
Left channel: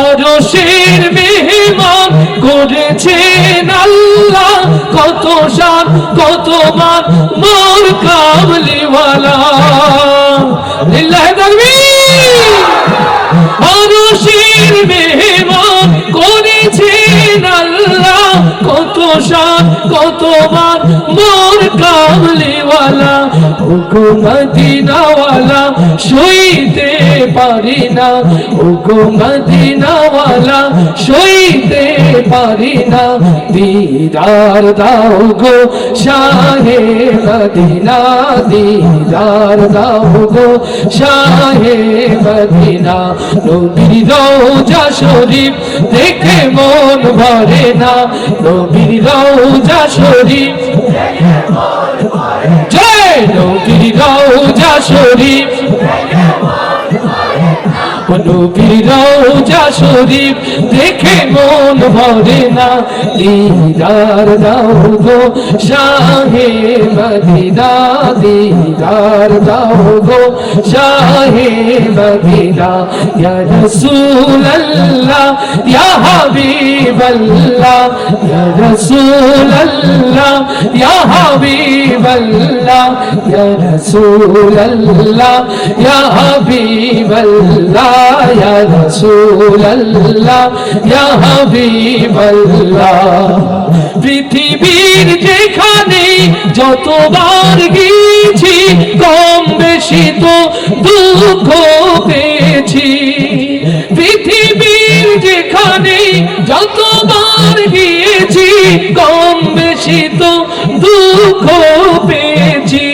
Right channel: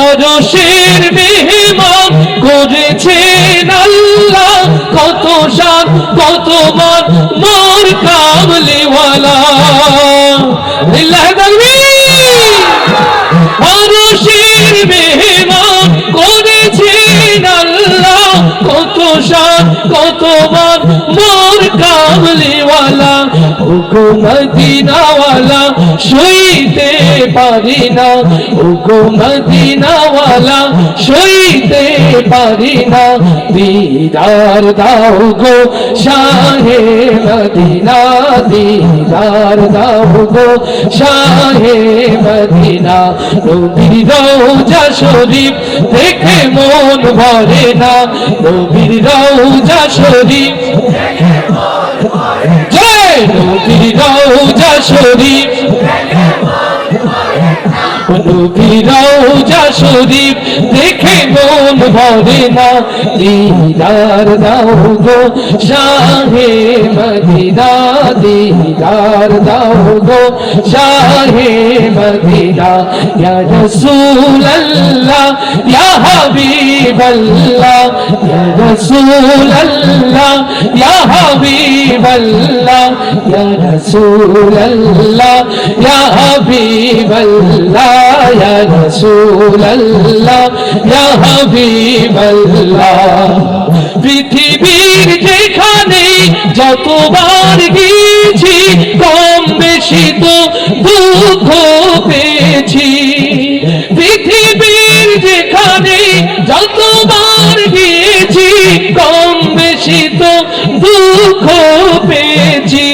আরশের মেহমান করেছেন আল্লাহ কত শান কত মান মোর কামলিওয়ালা লিল্লাহি তাকবীর আরশের মেহমান করেছেন আল্লাহ কত শান কত মান মোর কামলিওয়ালা ওগো মদিনাওয়ালা সইতে পারি না ওগো মদিনাওয়ালা সইতে পারি না দিদার দাও গো শাহে মদিনা দিদার দাও গো শাহে মদিনা নবীর রওজা শরীফ দেখে মন ভরে না নবীর রওজা শরীফ জয় নবীর রওজা শরীফ নবীর রওজা শরীফ দেখে মন ভরে না দিদার দাও গো শাহে মদিনা দিদার দাও গো শাহে মদিনা ইয়া রাসূলুল্লাহ ইয়া হাবিবাল্লাহ ইয়া রাসূলুল্লাহ ইয়া হাবিবাল্লাহ ইয়া রাসূলুল্লাহ ইয়া হাবিবাল্লাহ ইয়া রাসূলুল্লাহ ইয়া হাবিবাল্লাহ পৃথিবীর যেখানে যতবার গিয়েছি কম বেশি তো দুঃখ পেয়েছি পৃথিবীর যেখানে যতবার গিয়েছি কম বেশি তো দুঃখ পেয়েছি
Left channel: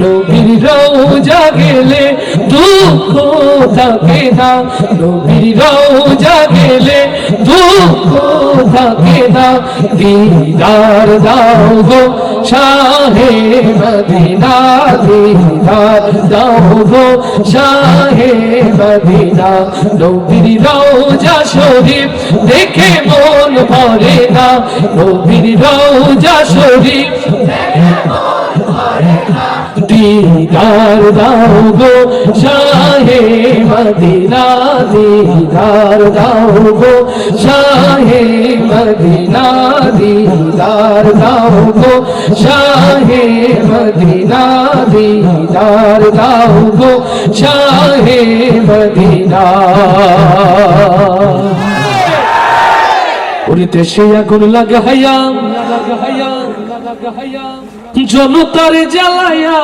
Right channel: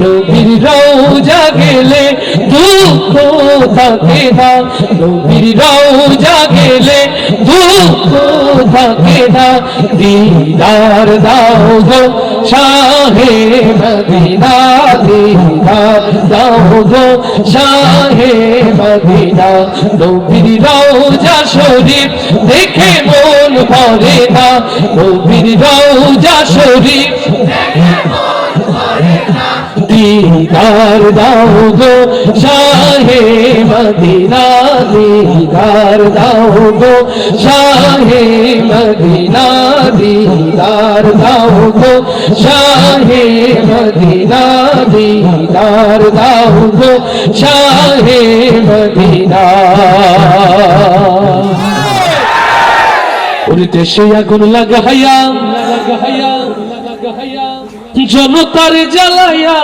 নবীর রওজা গেলে দুঃখ থাকে না নবীর রওজা গেলে দুঃখ থাকে না দিদার দাও গো শাহে মদিনা দিদার দাও গো শাহে মদিনা নবীর রওজা শরীফ দেখে মন ভরে না নবীর রওজা শরীফ দিদার দাও গো শাহে মদিনা দিদার দাও গো শাহে মদিনা দিদার দাও গো শাহে মদিনা দিদার দাও গো শাহে মদিনা ওরে দেশে আগুন লাগাইয়া জনতার জ্বালাইয়া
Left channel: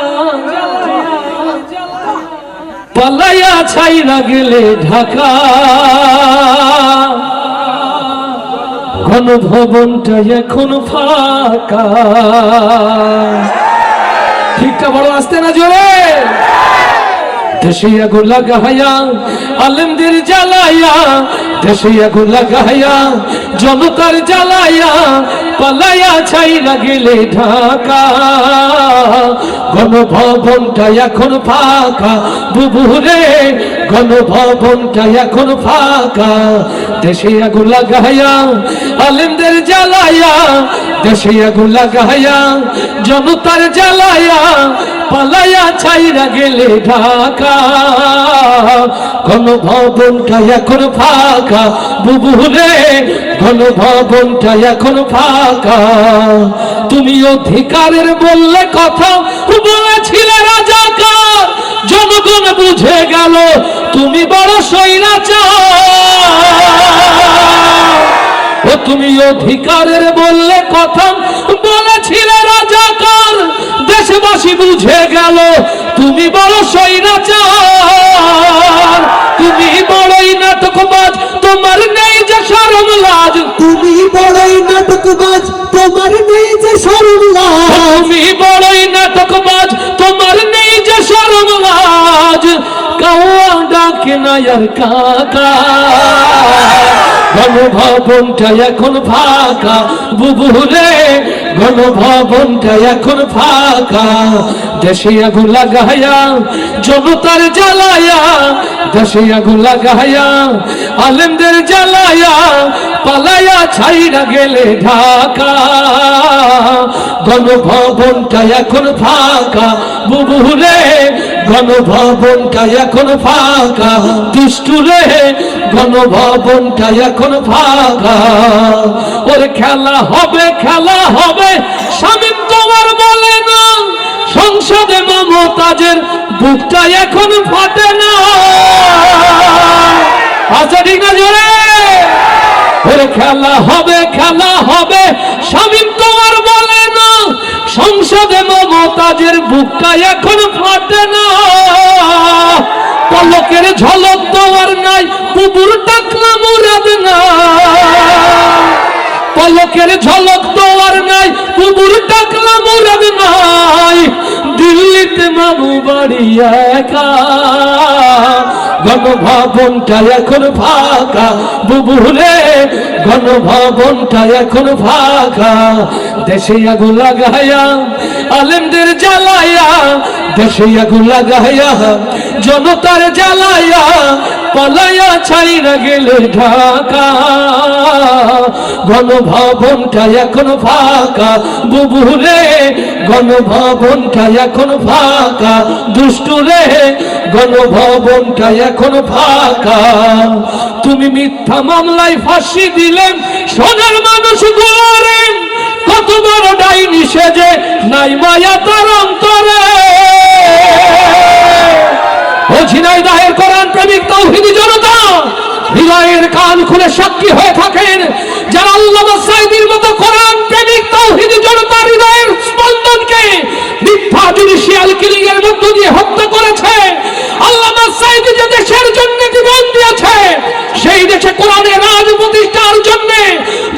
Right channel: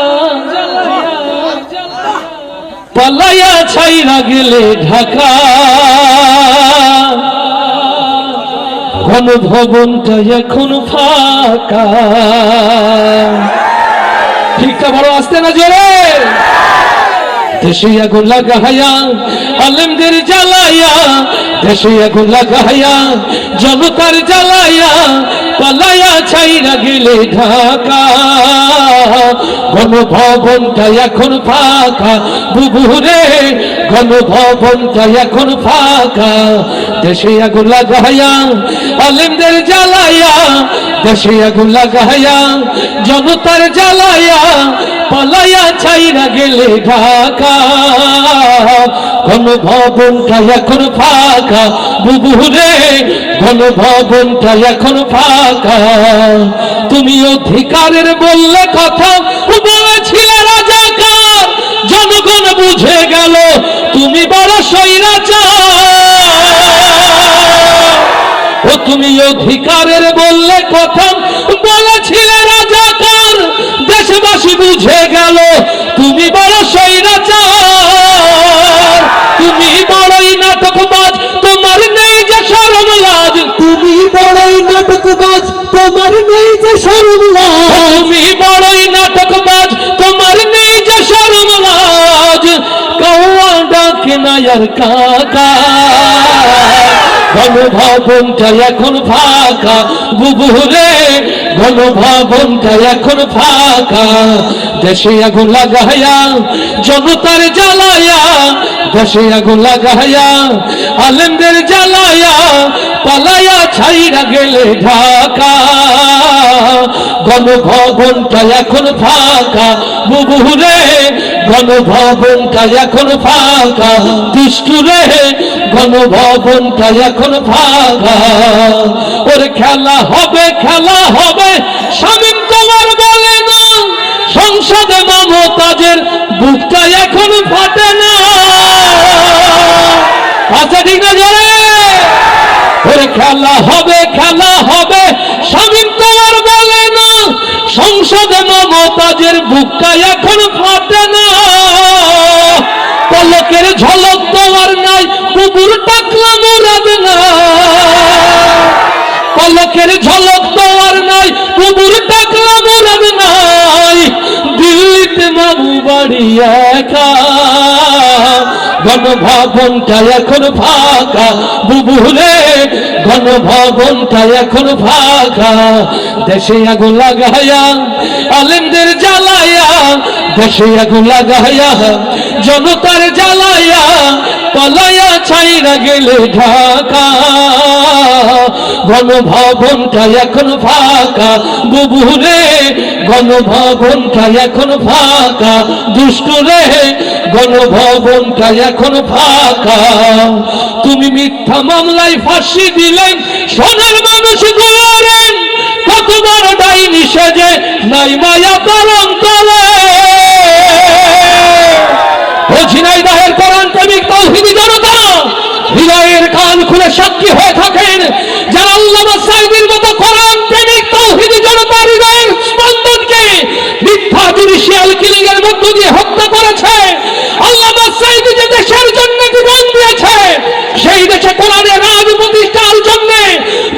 পালাইয়া ছাইরা গেলে ঢাকা গণভবনটা এখন ফাঁকা ঠিকটা বড় আসতে না জোরে দেশে আগুন লাগাইয়া আলেমদের জ্বালাইয়া দেশে আগুন লাগাইয়া জনতার জ্বালাইয়া পালাইয়া ছাইরা গেলে ঢাকা গণভবনটা এখন ফাঁকা বুবুরে গণভবনটা এখন ফাঁকা দেশে আগুন লাগাইয়া আলেমদের জ্বালাইয়া দেশে আগুন লাগাইয়া জনতার জ্বালাইয়া পালাইয়া ছাইরা গেলে ঢাকা গণভবনটা এখন ফাঁকা বুবুরে গণভবনটা এখন ফাঁকা তুমি অধিকারের বললে কথা বলেছিলে রাজাকার জনগণ বুঝে গেল তুমি বড় স্বৈরাচার ও তুমি অধিকারের বললে কথা বলেছিলে রাজাকার দেশবাসী বুঝে গেল তুমি বড় স্বৈরাচার তুমি বড়ই নাটকবাজ তোমার নেই যে শরম লাজ তুমি বড়ই নাটকবাজ তোমার নেই যে শরম লাজ তুমি বড়ই নাটকবাজ তোমার নেই যে শরম লাজ কাওয়া ডাকে না আর কাকা গণভবনটা এখন ফাঁকা বুবুরে গণভবনটা এখন ফাঁকা দেশে আগুন লাগাইয়া জনতার জ্বালাইয়া দেশে আগুন লাগাইয়া আলেমদের জ্বালাইয়া পালাইয়া ছাইরা গেলে ঢাকা গণভবনটা এখন ফাঁকা বুবুরে গণভবনটা এখন ফাঁকা দুষ্টুরে গণভবনটা এখন ফাঁকা ওর খেলা হবে স্বামী তোমার বলে না সংসদে মমতাজের বুকটা এখন ফাটে না আচ্ছা ঠিক না জোরে ওর খেলা হবে স্বামী তোমার বলে না সংসদে মমতাজের বুকটা এখন ফাটে না পলকের ঝলক দেওয়ার নাই বুবুর টাকলা মুরাদ না পলকের ঝলক দেওয়ার নাই বুবুর টাকলা মুরাদ নাই দিল্লিতে মামু বাড়ি একা গণভবনটা এখন ফাঁকা বুবুরে গণভবনটা এখন ফাঁকা দেশে আগুন লাগাইয়া আলেমদের জ্বালাইয়া দেশে আগুন লাগাইয়া জনতার জ্বালাইয়া পালাইয়া ছাইরা গেলে ঢাকা গণভবনটা এখন ফাঁকা বুবুরে গণভবনটা এখন ফাঁকা দুষ্টুরে গণভবনটা এখন ফাঁকা তুমি মিথ্যা মামলায় ফাঁসি দিলেন সোনার মানুষ গুলোরে কত বড় ডাইনি সেজে নাই মায়া পালন করে ও ঝিনাইদহের কোরআন প্রেমিক তাওহীদি জনতা হৃদয়ের কান খুলে সাক্ষী হয়ে থাকেন যারা আল্লামা সাঈদীর মতো কোরআন প্রেমিক তাওহীদি জনতার হৃদয়ের স্পন্দনকে মিথ্যা জুডিশিয়াল কিলিং এর মধ্য দিয়ে হত্যা করেছে আল্লামা সাঈদী যে দেশের জন্য জীবন দিয়েছে সেই দেশে কোরআনের রাজ প্রতিষ্ঠার জন্য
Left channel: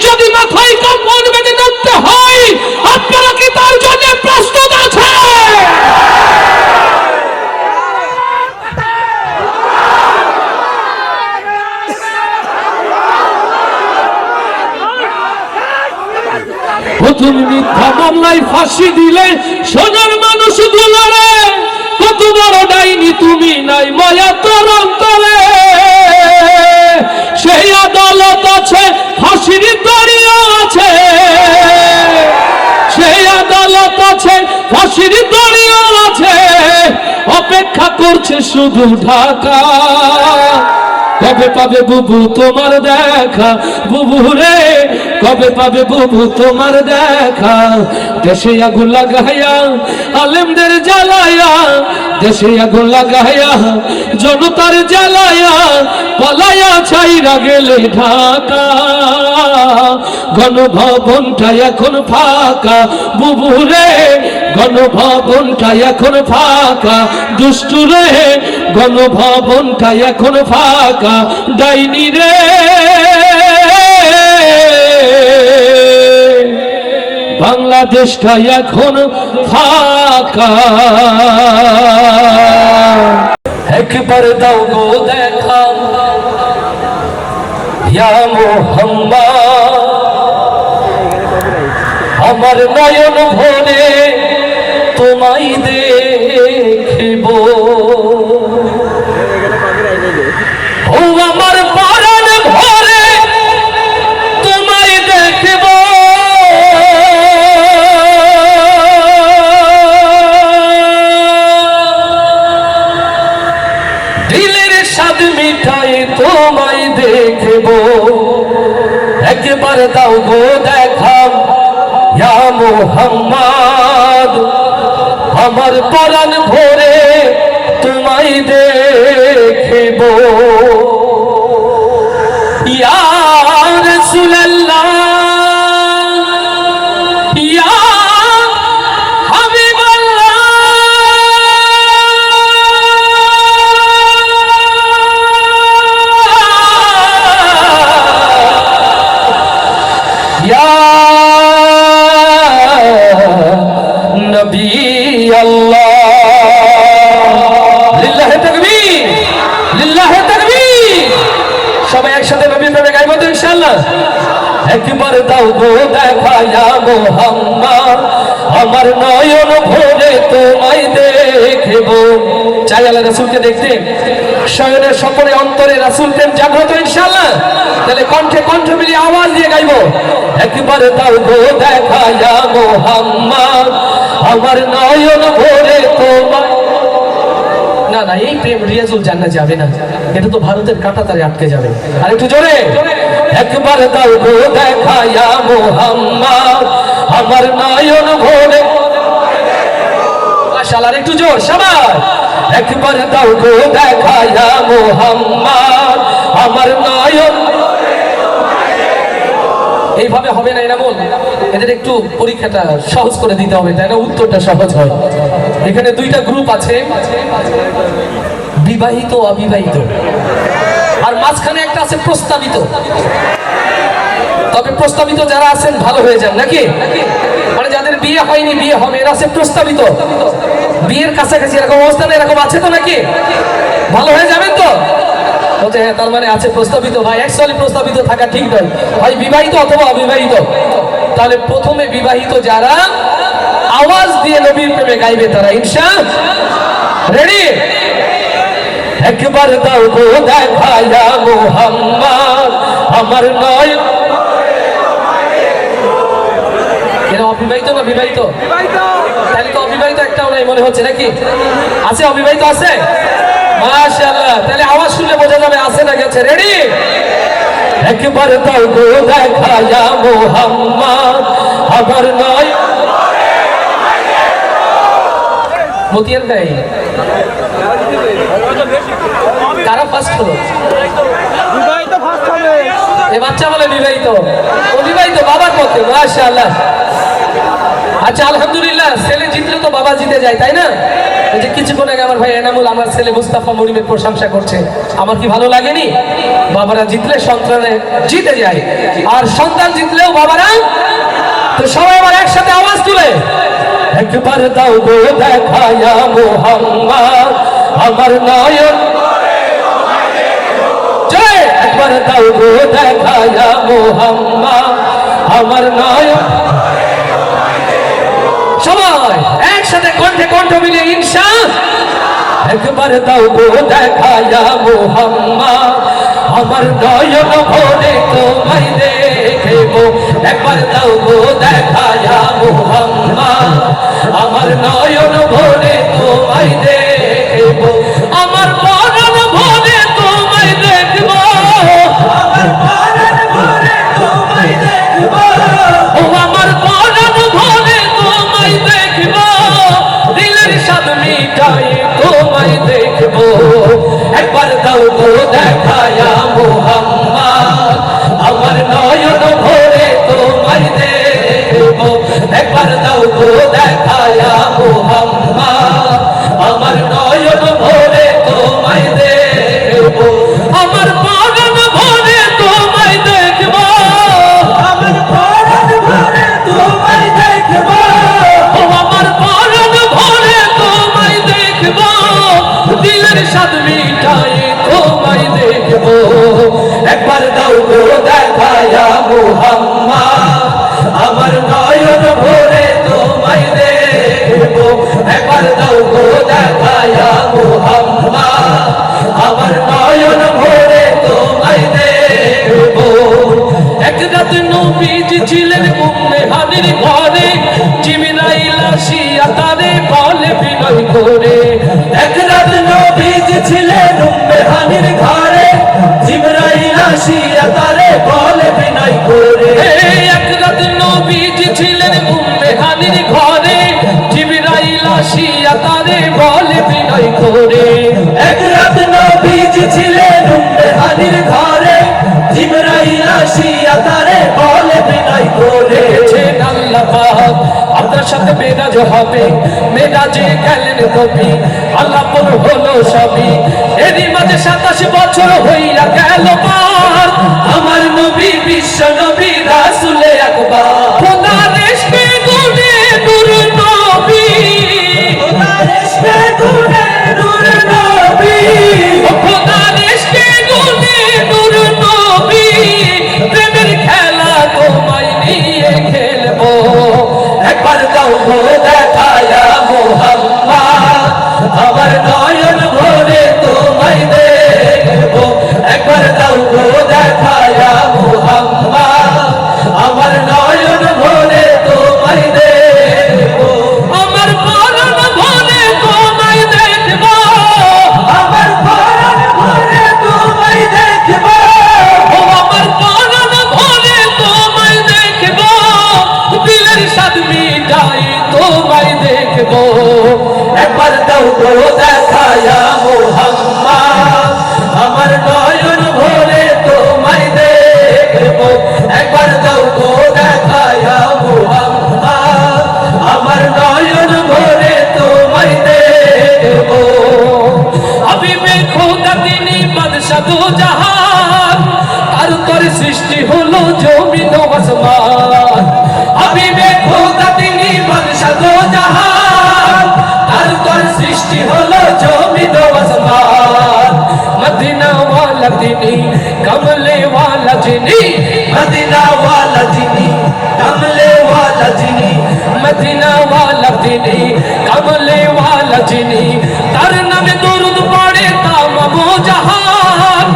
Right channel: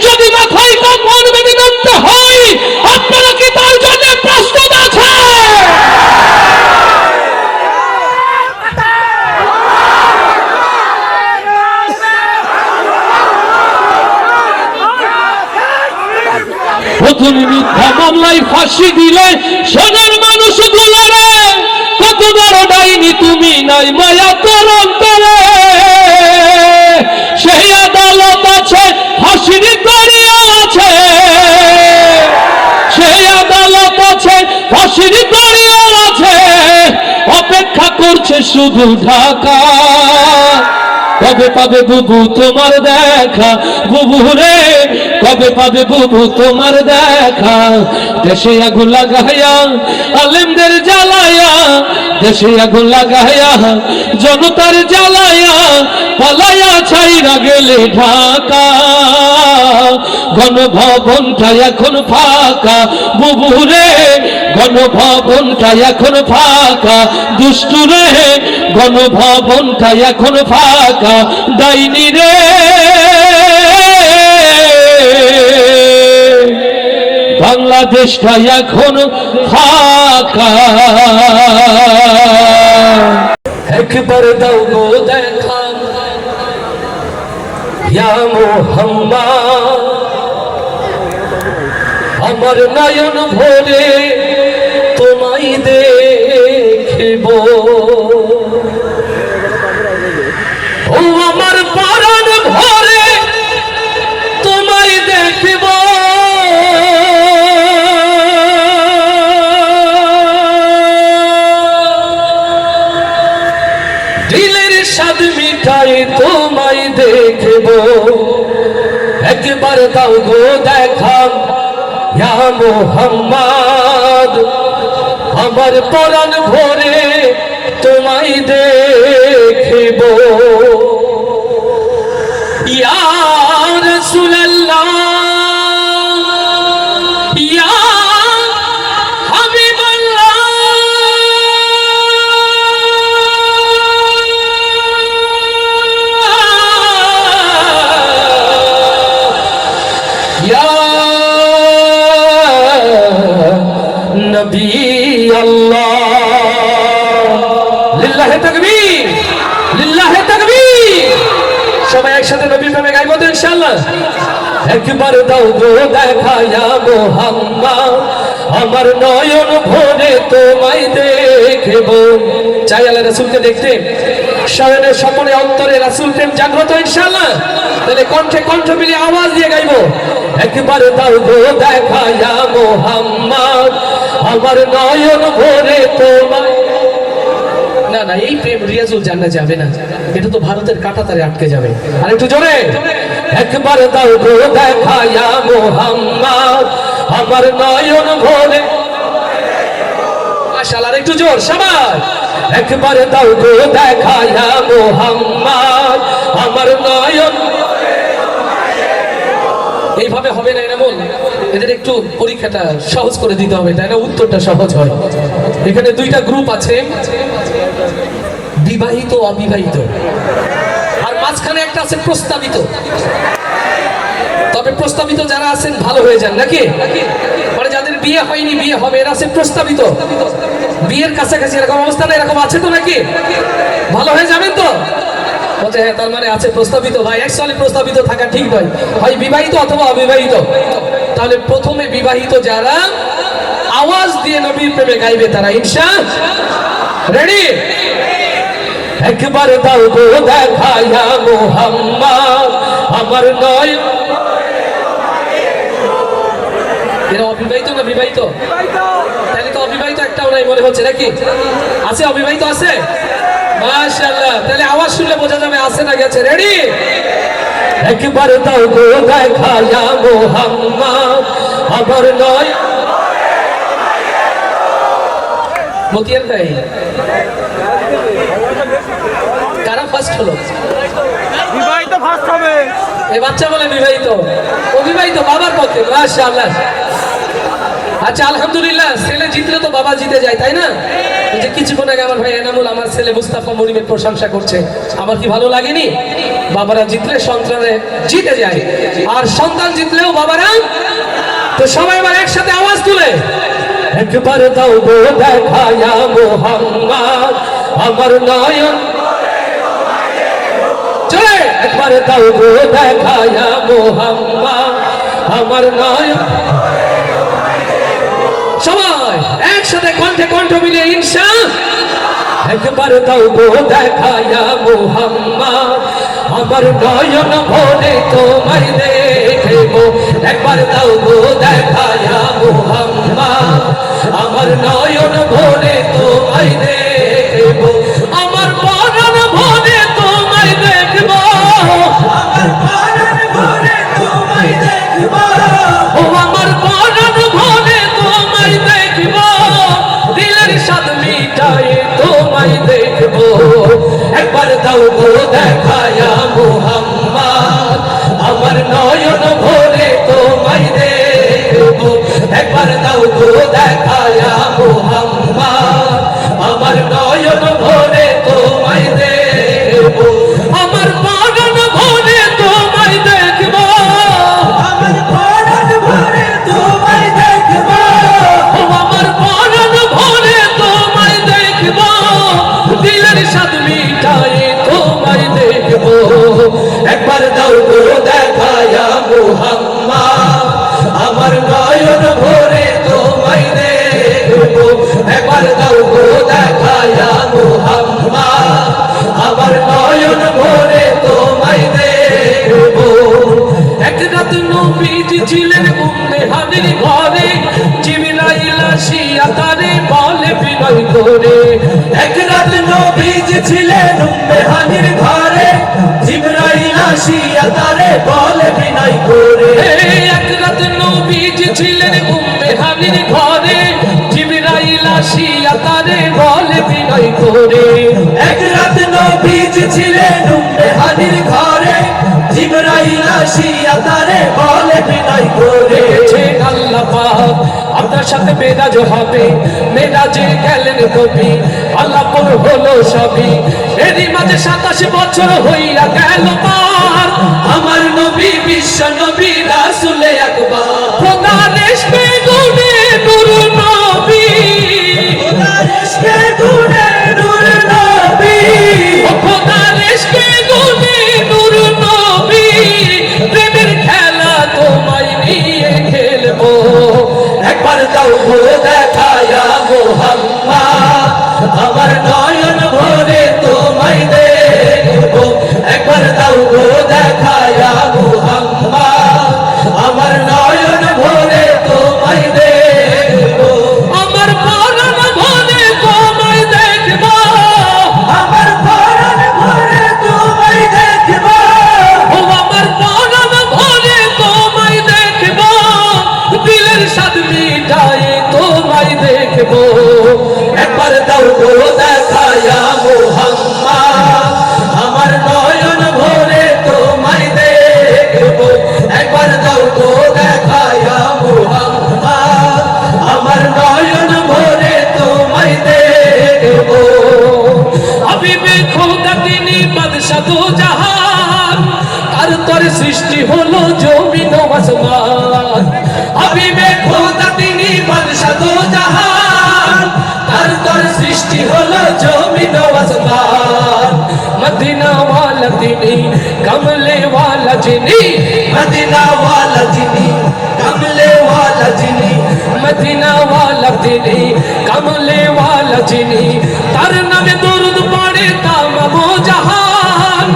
যদি মাথায় কাপড় বেঁধে নামতে হয় আপনারা কি তার জন্য প্রস্তুত আছে তুমি মিথ্যা মামলায় ফাঁসি দিলে সোনার মানুষ গুলোরে কত বড় ডাইনি তুমি নাই মায়া তোর অন্তরে সেই আদালত আছে ফাঁসির দড়িয়া আছে সেই আদালত আছে ফাঁসির দড়িয়া আছে করছে শুধু ঢাকা। কবে পাবে বুবু তোমার দেখা, বুবু রে কবে পাবে বুবু তোমার দেখা। দেশে আগুন লাগাইয়া আলেমদের জ্বালায়া, দেশে আগুন লাগাইয়া জনতার জ্বালায়া, পালায়া ছাইরা গেলে ঢাকা। গণভবনটা এখন ফাঁকা বুবু রে, গণভবনটা এখন ফাঁকা। দুষ্টু রে গণভবনটা এখন ফাঁকা। ডাইনি রে বাংলাদেশটা এখন ফাঁকা। একবার দাও গো দেখা ইয়া মুহাম্মদ, আমার নয়ন ভরে তোমায় দেখিব। ও আমার পরাণ ভরে তোমায় দেখিব। দিলের স্বাদ মিঠাই তোমায় দেখিব। একবার দাও গো দেখা ইয়া মুহাম্মদ, আমার পরাণ ভরে তোমায় দেখিব। ইয়া রাসূলুল্লাহ ইয়া হাবিবাল্লাহ, ইয়া নবী আল্লাহ। লিল্লাহি তাকবীর, লিল্লাহি তাকবীর। সবাই একসাথে নবী প্রেমে গাইবো তো ইনশাআল্লাহ। একবার দাও গো দেখা ইয়া মুহাম্মদ, আমার নয়ন ভরে তোমায় দেখিব। চাই আল্লাহ রাসূলকে দেখতে, শয়নের সকলে অন্তরে রাসূল প্রেম জাগ্রত ইনশাআল্লাহ। তাহলে কণ্ঠে কণ্ঠ মিলিয়ে আওয়াজ দিয়ে গাইবো। একবার দাও গো দেখা ইয়া মুহাম্মদ, আমার নয়ন ভরে তোমায়। না না, এই প্রেম রিয়াজুল জান্নাত যাবে না, এটা তো ভারতের কাঁটাতারে আটকে যাবে। আর একটু জোরে একবার দাও গো দেখা ইয়া মুহাম্মদ, আমার নয়ন ভরে। মাশাআল্লাহ, আর একটু জোর সবাই। একবার দাও গো দেখা ইয়া মুহাম্মদ, আমার নয়ন। এইভাবে হবে না, এটা বল। এদের একটু পরীক্ষাটা সহজ করে দিতে হবে, তাই না? উত্তরটা সহজ হয়। এখানে দুইটা গ্রুপ আছে, বিবাহিত অবিবাহিত, আর মাঝখানে একটা আছে প্রস্তাবিত। তবে প্রস্তাবিত যারা আছেন ভালো হয়ে যান নাকি, মানে যাদের বিয়ে হয়নি বিয়ে হবে এরা আছে প্রস্তাবিত। বিয়ের কাছাকাছি এরকম অবস্থা না, এরকম আছে তো নাকি? ভালো হয়ে যাবেন তো? বলছে হ্যাঁ, তার মানে আছে প্রস্তাবিত। ভাই অ্যাকচুয়ালি প্রস্তাবিত থাকা ঠিক নয়, হয় বিবাহিত অথবা অবিবাহিত। তাহলে প্রথমে বিবাহিত যারা আওয়াজ দিয়ে নবীর প্রেমে গাইবে তারা ইনশাআল্লাহ। রেডি? একবার দাও গো দেখা ইয়া মুহাম্মদ, আমার নয়ন। এরা অবিবাহিত না বিবাহিত? তাহলে তো অবিবাহিত একটাও নাই মনে হচ্ছে নাকি? আছে অবিবাহিত আছে? মাশাআল্লাহ, তাহলে আওয়াজ শুনলে বোঝা যাবে আছে না গেছে। রেডি? একবার দাও গো দেখা ইয়া মুহাম্মদ, আমার নয়ন। মতিয়ার ভাই কারা ফার্স্ট হলো? বিবাহিত ফার্স্ট হবে। এই বাচ্চা বলে বিবাহিত, অবিবাহিত বাবার পক্ষে। মাশাআল্লাহ। আচ্ছা আলহামদুলিল্লাহ, ছেলে জিতলে তো বাবা জিতে যায়, তাই না? এই যে কিছুক্ষণ আগে আমার ভাই এনামুল আমার ছেলে মুস্তাফা মরিমের প্রশংসা করছে, আমার কি ভালো লাগেনি? বাবারা জিতলে সন্তানে জিতে যায়, আর সন্তান জিতলেও বাবারা। তো সবাই আবার একসাথে আওয়াজ তুলে একবার দাও গো দেখা ইয়া মুহাম্মদ, আমার নয়ন। চলে একবার দাও গো দেখা ইয়া মুহাম্মদ, আমার নয়ন। সবাই একসাথে কণ্ঠে কণ্ঠ মিলিয়ে ইনশাআল্লাহ। একবার দাও গো দেখা ইয়া মুহাম্মদ, আমার নয়ন ভরে তোমায় দেখিব। একবার দাও গো দেখা ইয়া মুহাম্মদ, আমার নয়ন ভরে তোমায় দেখিব। দেখব, ও আমার পরাণ ভরে তোমায় দেখব, দিলের স্বাদ মিটাই তোমায় দেখব। একবার দাও গো দেখায়া মুহাম্মদ, আমার নয়ন ভরে তোমায় দেখব। একবার দাও গো দেখায়া মুহাম্মদ, আমার নয়ন ভরে তোমায় দেখব। আমার পরাণ ভরে তোমায় দেখব, আমার পরাণ ভরে তোমায় দেখব, ও আমার পরাণ ভরে তোমায় দেখব, দিলের স্বাদ মিটাই তোমায় দেখব। একবার দাও গো দেখায়া মুহাম্মদ, আমার নয়ন ভরে তোমায় দেখব। একবার দাও গো দেখায়া মুহাম্মদ, আমার নয়ন ভরে তোমায় দেখব। এক রাত নবীজি ছিলেন উম্মে হানির ঘরে, জিবরাইল আসিয়া তারে বলে বিনয় করে। এক রাত নবীজি ছিলেন উম্মে হানির ঘরে, জিবরাইল আসিয়া তারে বলে বিনয় করে। এক রাত নবীজি ছিলেন উম্মে হানির ঘরে, জিবরাইল আসিয়া তারে বলে বিনয় করে। এক রাত নবীজি ছিলেন উম্মে হানির ঘরে, জিবরাইল আসিয়া তারে বলে বিনয় করে। বলেছেন আল্লাহ পাক আপনার সাথে মেরাজ হবে, মেরাজে গেলেন নবী, আলাপন হলো সবই। এরই মাঝে 27 বছর হইয়া গেল পার, আমার নবী বিশ্ব নবী রাসূলে আকবার, খোদার ইশকে গুনে নূর নবী, খোদার ইশকে গুনে নূর নবী, ও খোদার ইশকে গুনে নূর নবী, প্রেমের খেলা তোমায় নিয়ে খেলবো। একবার দাও গো দেখায়া মুহাম্মদ, আমার নয়ন ভরে তোমায় দেখব। একবার দাও গো দেখায়া মুহাম্মদ, আমার নয়ন ভরে তোমায় দেখব। আমার পরাণ ভরে তোমায় দেখব, আমার পরাণ ভরে তোমায় দেখব, ও আমার পরাণ ভরে তোমায় দেখব, দিলের স্বাদ মিটাই তোমায় দেখব। একবার দাও গো দেখায়া মুহাম্মদ, আমার নয়ন ভরে তোমায় দেখব। একবার দাও গো দেখায়া মুহাম্মদ, আমার নয়ন ভরে তোমায় দেখব। হাবিবে খোদা তিনি বাদশা দু জাহান, তার তরে সৃষ্টি হলো জমিন ও আসমান। হাবিবে খোদা তিনি বাদশা দু জাহান, তার তরে সৃষ্টি হলো জমিন ও আসমান। মদিনা ওয়ালা তিনি, কমলে ওয়ালা যিনি, মদিনা ওয়ালা যিনি, কমলে ওয়ালা যিনি, মদিনা ওয়ালা তিনি, কমলে ওয়ালা যিনি, তার নামে দরুদ পড়ে তামাম জাহান,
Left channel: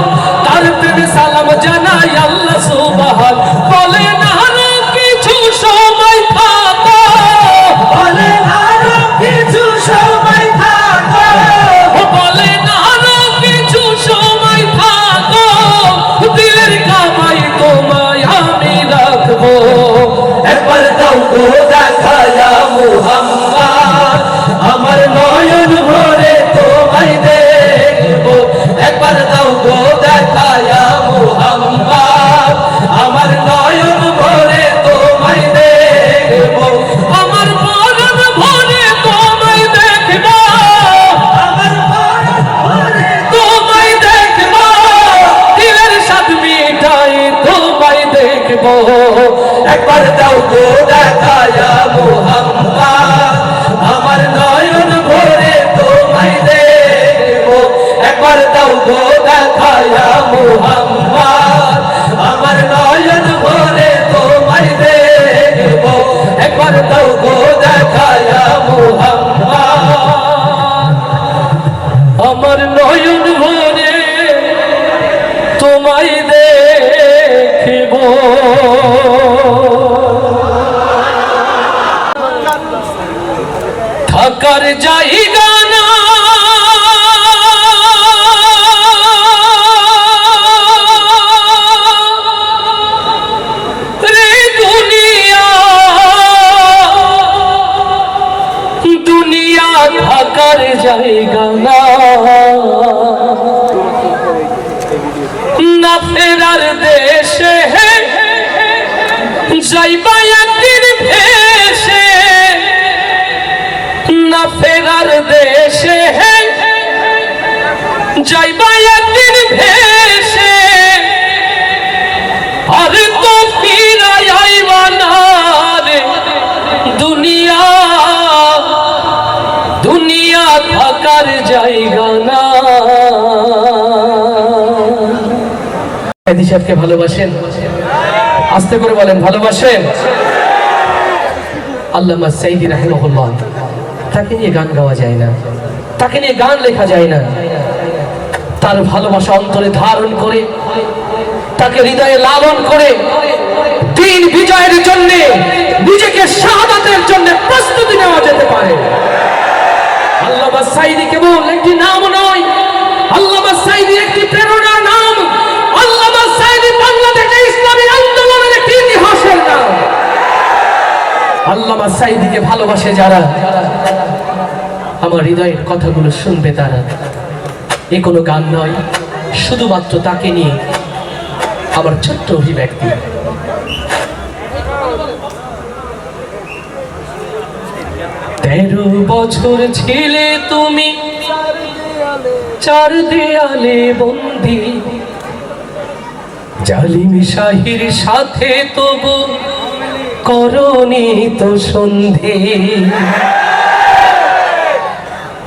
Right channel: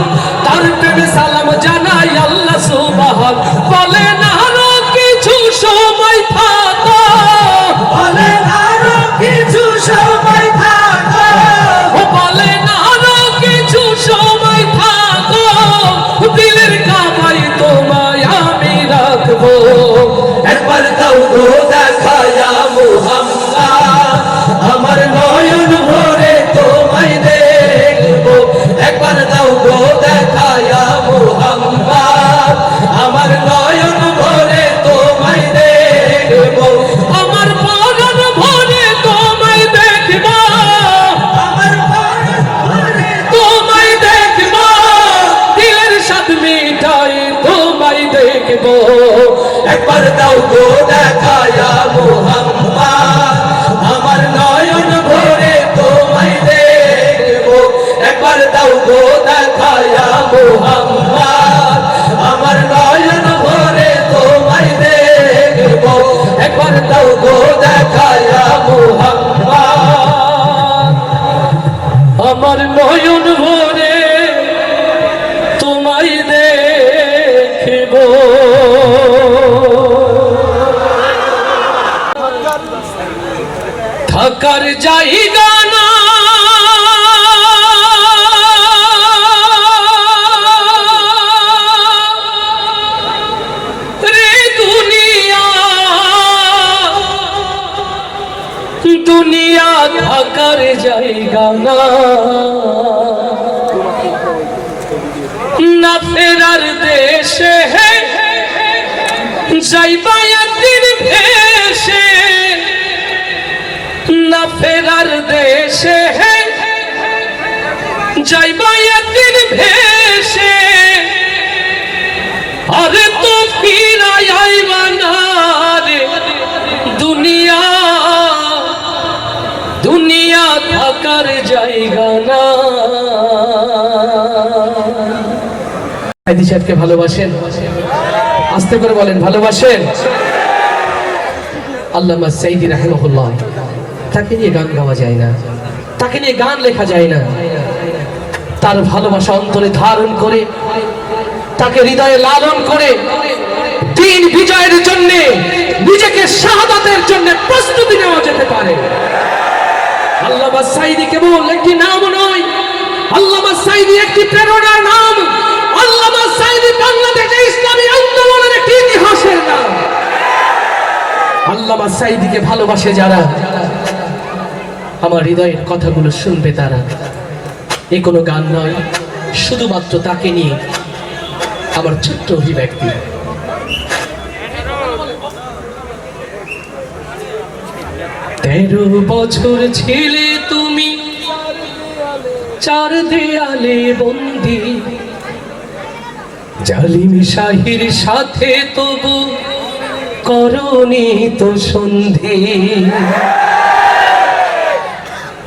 তার প্রেমে সালাম জানাই আল্লাহ সুবহান। বলে না আরো কিছু সময় থাকো, বলে আরো কিছু সময় থাকো, ও বলে না আরো কিছু সময় থাকো, দিলের কামাই তোমায় আমি রাখবো। একবার দাও গো দেখায়া মুহাম্মদ, আমার নয়ন ভরে তোমায় দেখব। একবার দাও গো দেখায়া মুহাম্মদ, আমার নয়ন ভরে তোমায় দেখব। আমার পরাণ ভরে তোমায় দেখব, আমার পরাণ ভরে তোমায় দেখব, দিলের স্বাদ মিটাই তোমায় দেখব। একবার দাও গো দেখায়া মুহাম্মদ, আমার নয়ন ভরে তোমায় দেখব। একবার দাও গো দেখায়া মুহাম্মদ, আমার নয়ন ভরে তোমায় দেখব। একবার দাও গো দেখায়া মুহাম্মদ, আমার নয়ন ভরে তোমায় দেখব। থাকার জায়গা না রে থাকার জায়গা না, না ফেরার দেশে যাইবা একদিন ভেসে, না ফেরার দেশে যাইবা একদিন ভেসে, আরে তো ফিরাই আইবা না রে দুনিয়া, দুনিয়া থাকার জায়গা না। সাহেবকে ভালোবাসেন? আস্তে করে বলেন ভালোবাসেন? আল্লামা সাইদি রাহিমাহুল্লাহ, তাকে নিয়ে গান গাওয়া যায় না, তাকে নিয়ে গান লেখা যায় না। তার ভালোবাসা অন্তরে ধারণ করে, তাকে হৃদয়ে লালন করে দিন বিজয়ের জন্য, নিজেকে শাহাদাতের জন্য প্রস্তুতি নেওয়া যেতে পারে। আল্লামা সাইদি কেবল একটি নাম নয়, আল্লামা সাইদি একটি প্রেরণার নাম, আল্লামা সাইদি বাংলাদেশে ইসলামী আন্দোলনের একটি ইতিহাসের নাম। আল্লামা সাইদিকে ভালোবাসে যারা, আমার হৃদয়ের কথাগুলো শুনবে তারা। এ কোনো গান নয়, শুধুমাত্র তাকে নিয়ে আমার ছোট্ট অভিব্যক্তি। 13 বছর ছিলে তুমি চার দেয়ালে বন্দী, জালিম শাহির সাথে তবু করনি তো সন্ধি।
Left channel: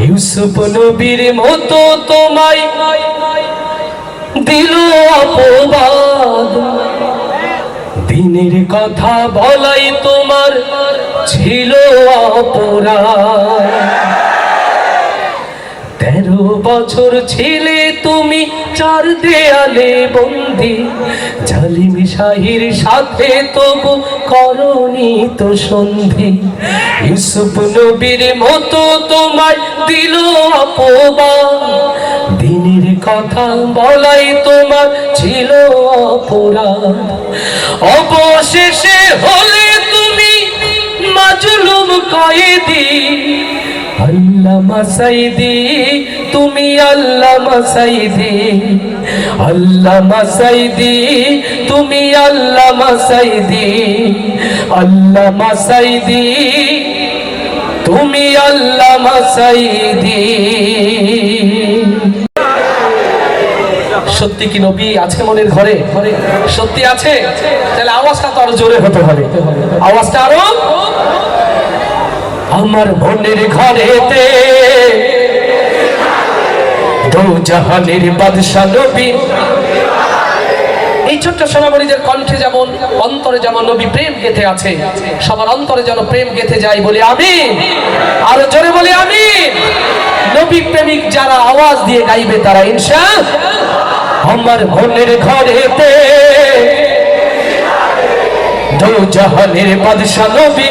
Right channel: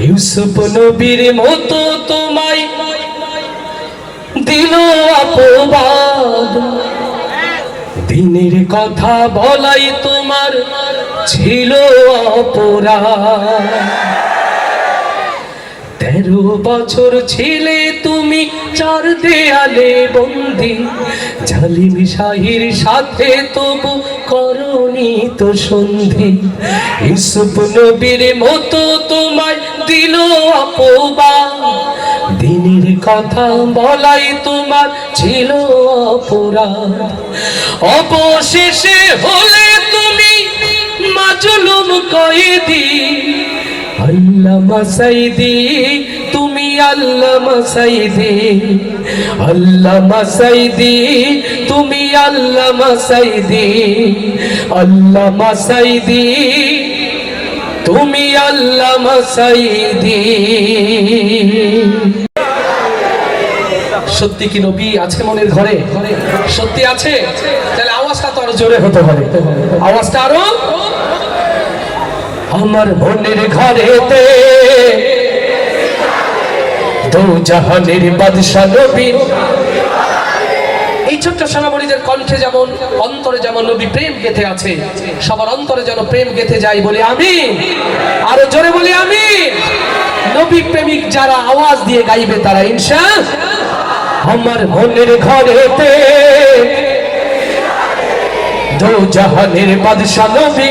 ইউসুফ নবীর মতো তোমায় দিল অপবাদ, দিনের কথা বলাই তোমার ছিল অপরাধ। 13 বছর ছিলে তুমি চার দেয়ালে বন্দী, জালিম শাহির সাথে তবু করনি তো সন্ধি। ইউসুফ নবীর মতো তোমায় দিল অপবাদ, দিনের কথা বলাই তোমার ছিল অপরাধ। অবশেষে হলে তুমি মাজলুম কয়েদি, আল্লামা সাইদি তুমি আল্লামা সাইদি, আল্লামা সাইদি তুমি আল্লামা সাইদি, আল্লামা সাইদি তুমি আল্লামা সাইদি। সত্যি কি নবী আছে মনের ঘরে? সত্যি আছে? তাহলে আওয়াজটা তো আরো জোরে হতে হবে, আওয়াজটা আরো। আমার মনের ঘরেতে দো জাহানের বাদশা নবী। এই ছোট্ট সোনামণিদের কণ্ঠে যেমন, অন্তরে যেমন নবী প্রেম গেঁথে আছে, সবার অন্তরে যেন প্রেম গেঁথে যায়, বলি আমিন। আরো জোরে বলি আমিন। নবী প্রেমিক যারা আওয়াজ দিয়ে গাইবে তারা ইনশাআল্লাহ। আমার মনের ঘরেতে দো জাহানের বাদশা নবী।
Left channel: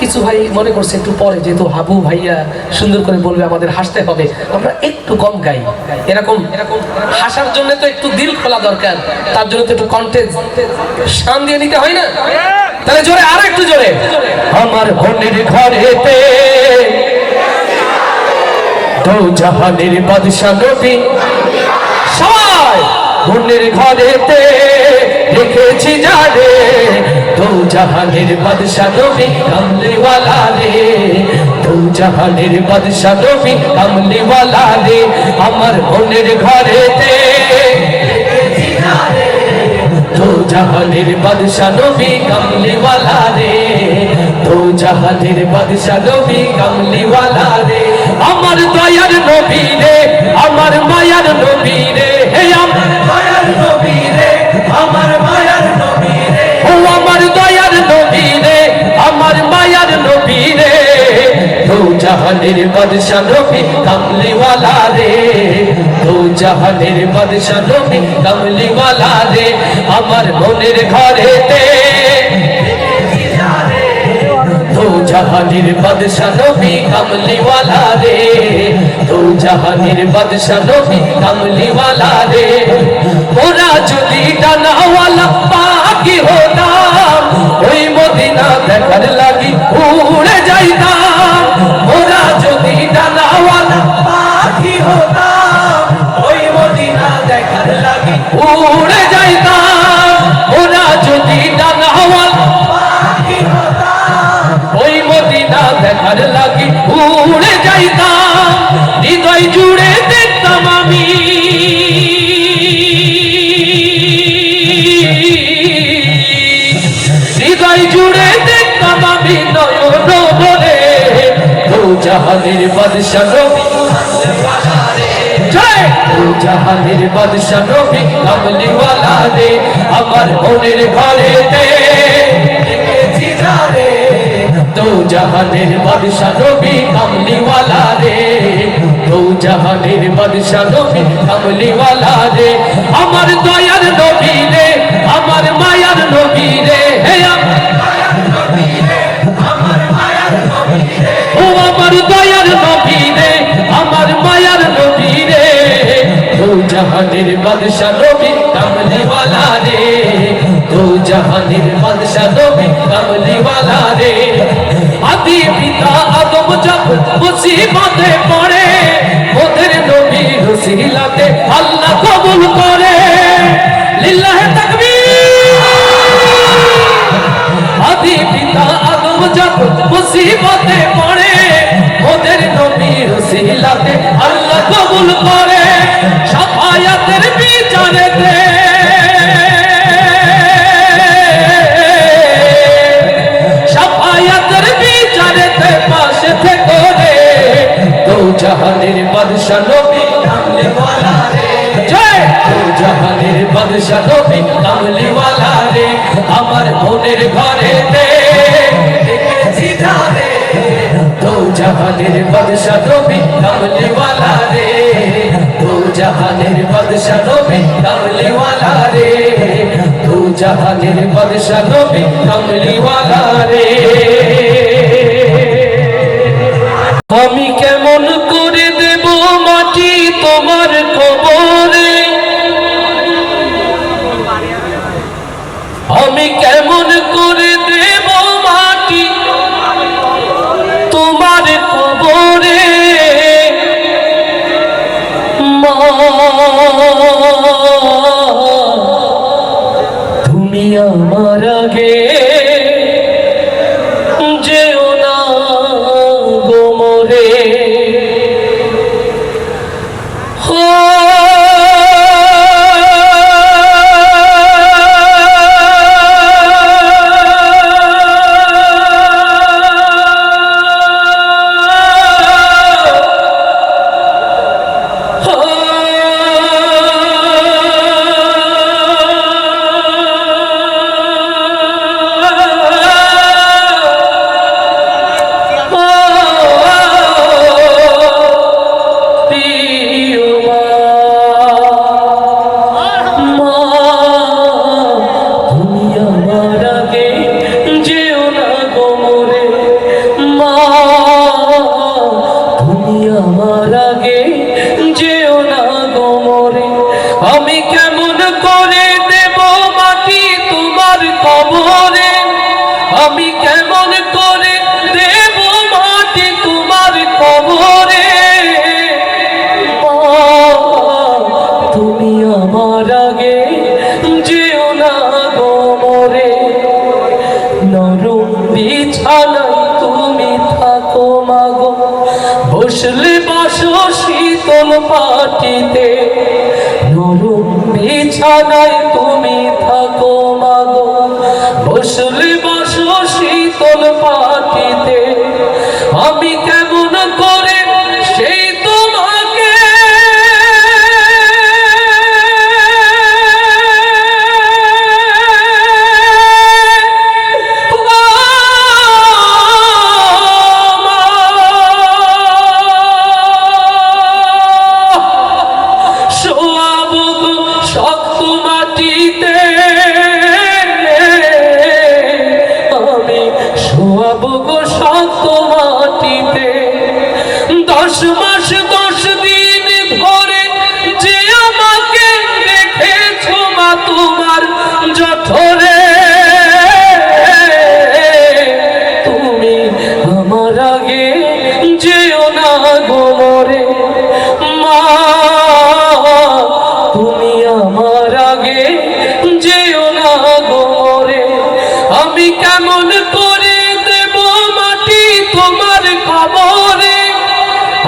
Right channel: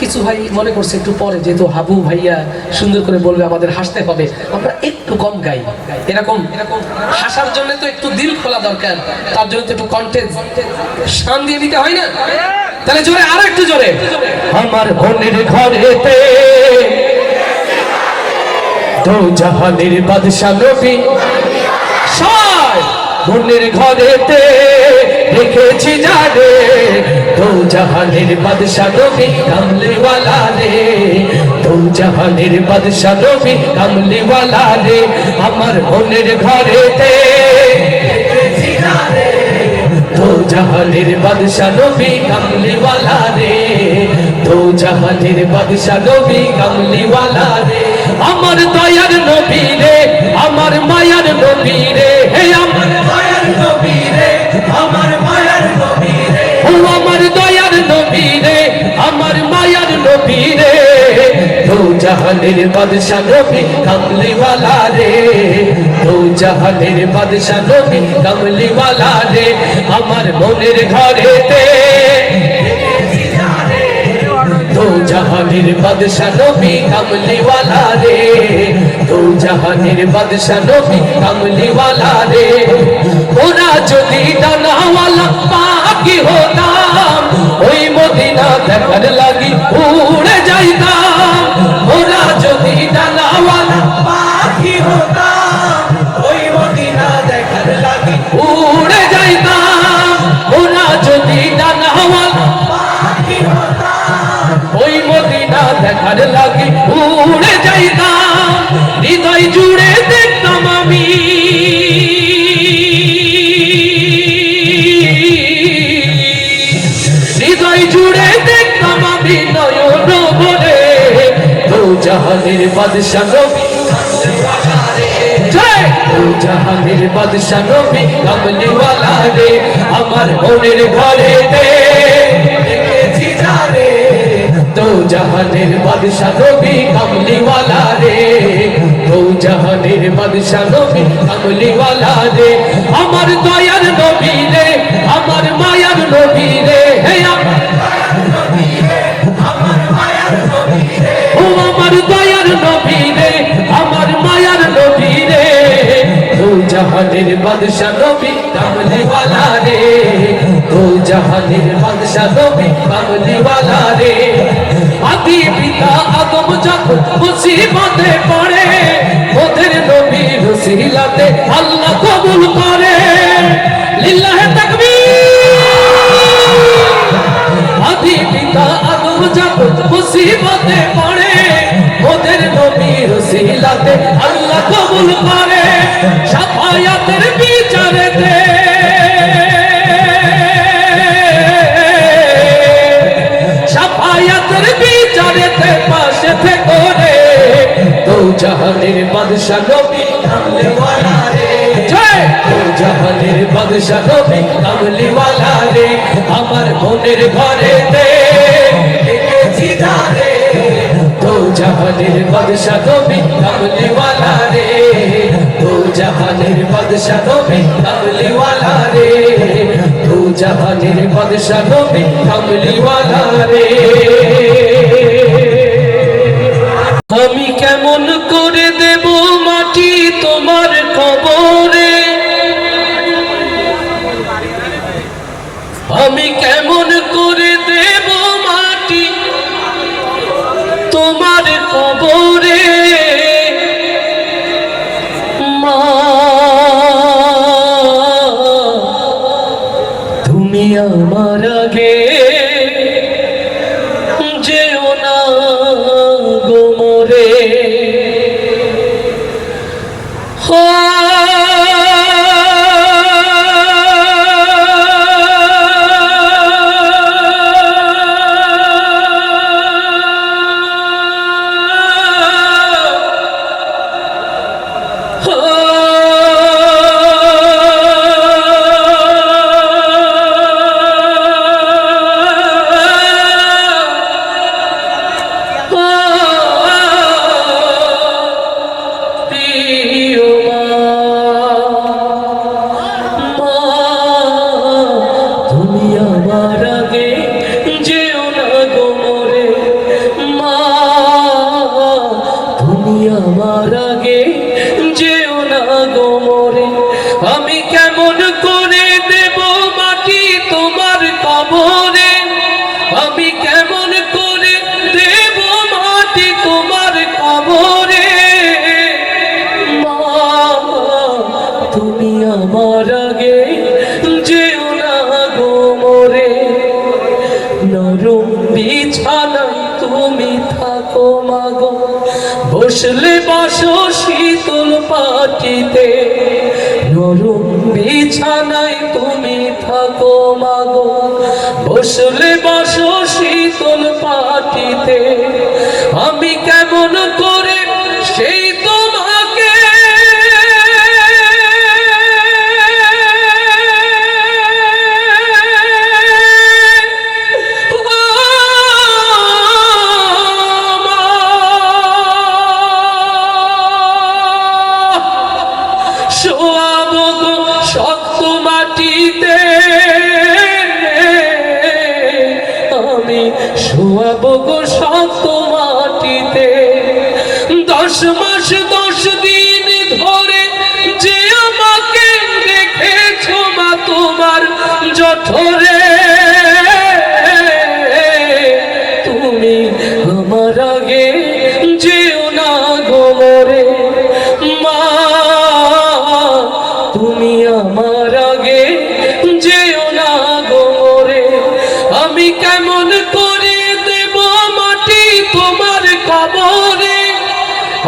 কিছু ভাই মনে করছে একটু পরে, যেহেতু হাবু ভাইয়া সুন্দর করে বলবে আমাদের হাসতে হবে, আমরা একটু কম গাই। এরকম হাসার জন্য তো একটু দিল খোলা দরকার, তার জন্য তো একটু কন্টেন্ট সাম দিয়ে নিতে হয় না? তাহলে জোরে, আর একটু জোরে। আমার মনের ঘরেতে দো জাহানের বাদশা নবী, সবাই মনের ঘরেতে রেখেছি জানে দো জাহানের বাদশা নবী কামলিওয়ালা রে, দো জাহানের বাদশা নবী কামলিওয়ালা রে। আমার মনের ঘরেতে রেখেছি জানে দো জাহানের বাদশা নবী কামলিওয়ালা রে, দো জাহানের বাদশা নবী কামলিওয়ালা রে। আমার দয়ার নবী রে, আমার মায়ার নবী রে, হে আমার দয়ার নবী রে, আমার মায়ার নবী রে, ও আমার দয়ার নবী রে, আমার মায়ার নবী রে। দো জাহানের বাদশা নবী কামলিওয়ালা রে, দো জাহানের বাদশা নবী কামলিওয়ালা রে। আমার মনের ঘরেতে দো জাহানের বাদশা নবী কামলিওয়ালা রে, দো জাহানের বাদশা নবী কামলিওয়ালা রে। ওরা যদি ডানাওয়ালা পাখি হতাম, ওই মদিনা দেখার লাগি উড়ে যাইতাম। হৃদয় জুড়ে দেখতাম আমি নয়ন ভরে দু জাহানের বাদশা নবী জয় দু জাহানের বাদশা নবী কামলিওয়ালা রে আমার মনের ঘরে দে দেখেছি যারে দু জাহানের বাদশা নবী কামলিওয়ালা রে দু জাহানের বাদশা নবী কামলিওয়ালা রে আমার দয়ার নবী রে আমার মায়ার নবী রে হে আমার ও আমার দয়ার নবী রে আমার মায়ার নবী রে দু জাহানের বাদশা নবী কামলিওয়ালা রে দু জাহানের বাদশা নবী কামলিওয়ালা রে আদি পিতা আদম যখন মুসিবতে পড়ে ওদের নবীর ওসিলাতে আল্লাহ কবুল করে লিল্লাহে তাকবীর আদি পিতা আদম যখন মুসিবতে পড়ে ওদের নবীর ওসিলাতে আল্লাহ কবুল করে শাফায়াতের বিচারেতে শাফায়াতের বিচারেতে পাশে থেকো রে দু জাহানের বাদশা নবী কামলিওয়ালা রে জয় দু জাহানের বাদশা নবী কামলিওয়ালা রে আমার মনের ঘরে দে দেখেছি যারে দু জাহানের বাদশা নবী কামলিওয়ালা রে দু জাহানের বাদশা নবী কামলিওয়ালা রে দু জাহানের বাদশা নবী কামলিওয়ালা রে আমি কেমন করে দেব মাটি তোমার কবরে আমি কেমন করে দেব মাটি তোমার কবরে মা তুমি আমার আগে যেও না গো মোরে আমার আগে যেও না গো মোরে আমি কেমন করে দেব মাটি তোমার কবরে আমি কেমন করে দেব মাটি তোমার কবরে মা তুমি আমার আগে যেও না গো মোরে নরম বিছানায় তুমি থাকো মাগো বসলে বসো শীতল পাটিতে নরম বিছানায় তুমি থাকো মাগো বসলে বসো শীতল পাটিতে আমি কেমন করে সেই তোমাকে শক্ত মাটিতে আমি শোয়াবো গো শক্ত মাটিতে 10 মাস 10 দিন ধরে যে আমাকে দেখেছো মা তোমার জঠরে তুমি আমার আগে যেও না গো মোরে মা তুমি আমার আগে যেও না গো মোরে আমি কেমন করে দেব মাটি তোমার কবরে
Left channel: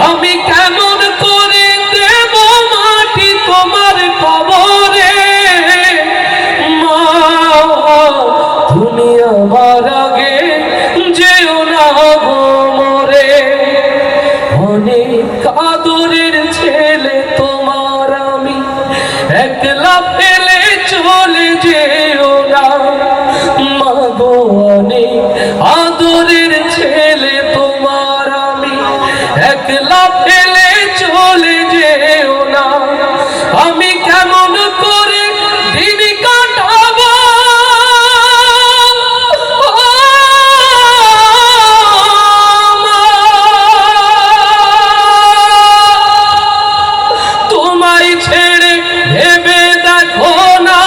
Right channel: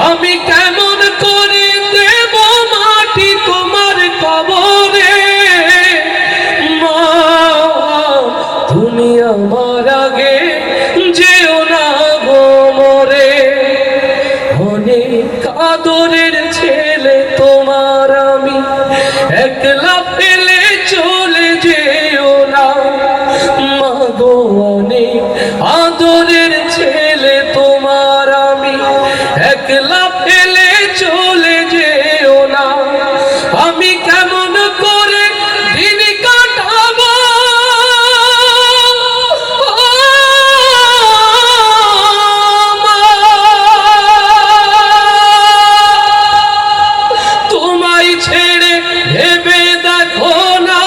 আমি কেমন করে দেব মাটি তোমার কবরে মা তুমি আমার মাগো অনেক আদরের ছেলে তোমার আমি, একলা ফেলে চলে যেও না, আমি কেমন করে দিন কাটাবো, তোমায় ছেড়ে ভেবে দেখো না,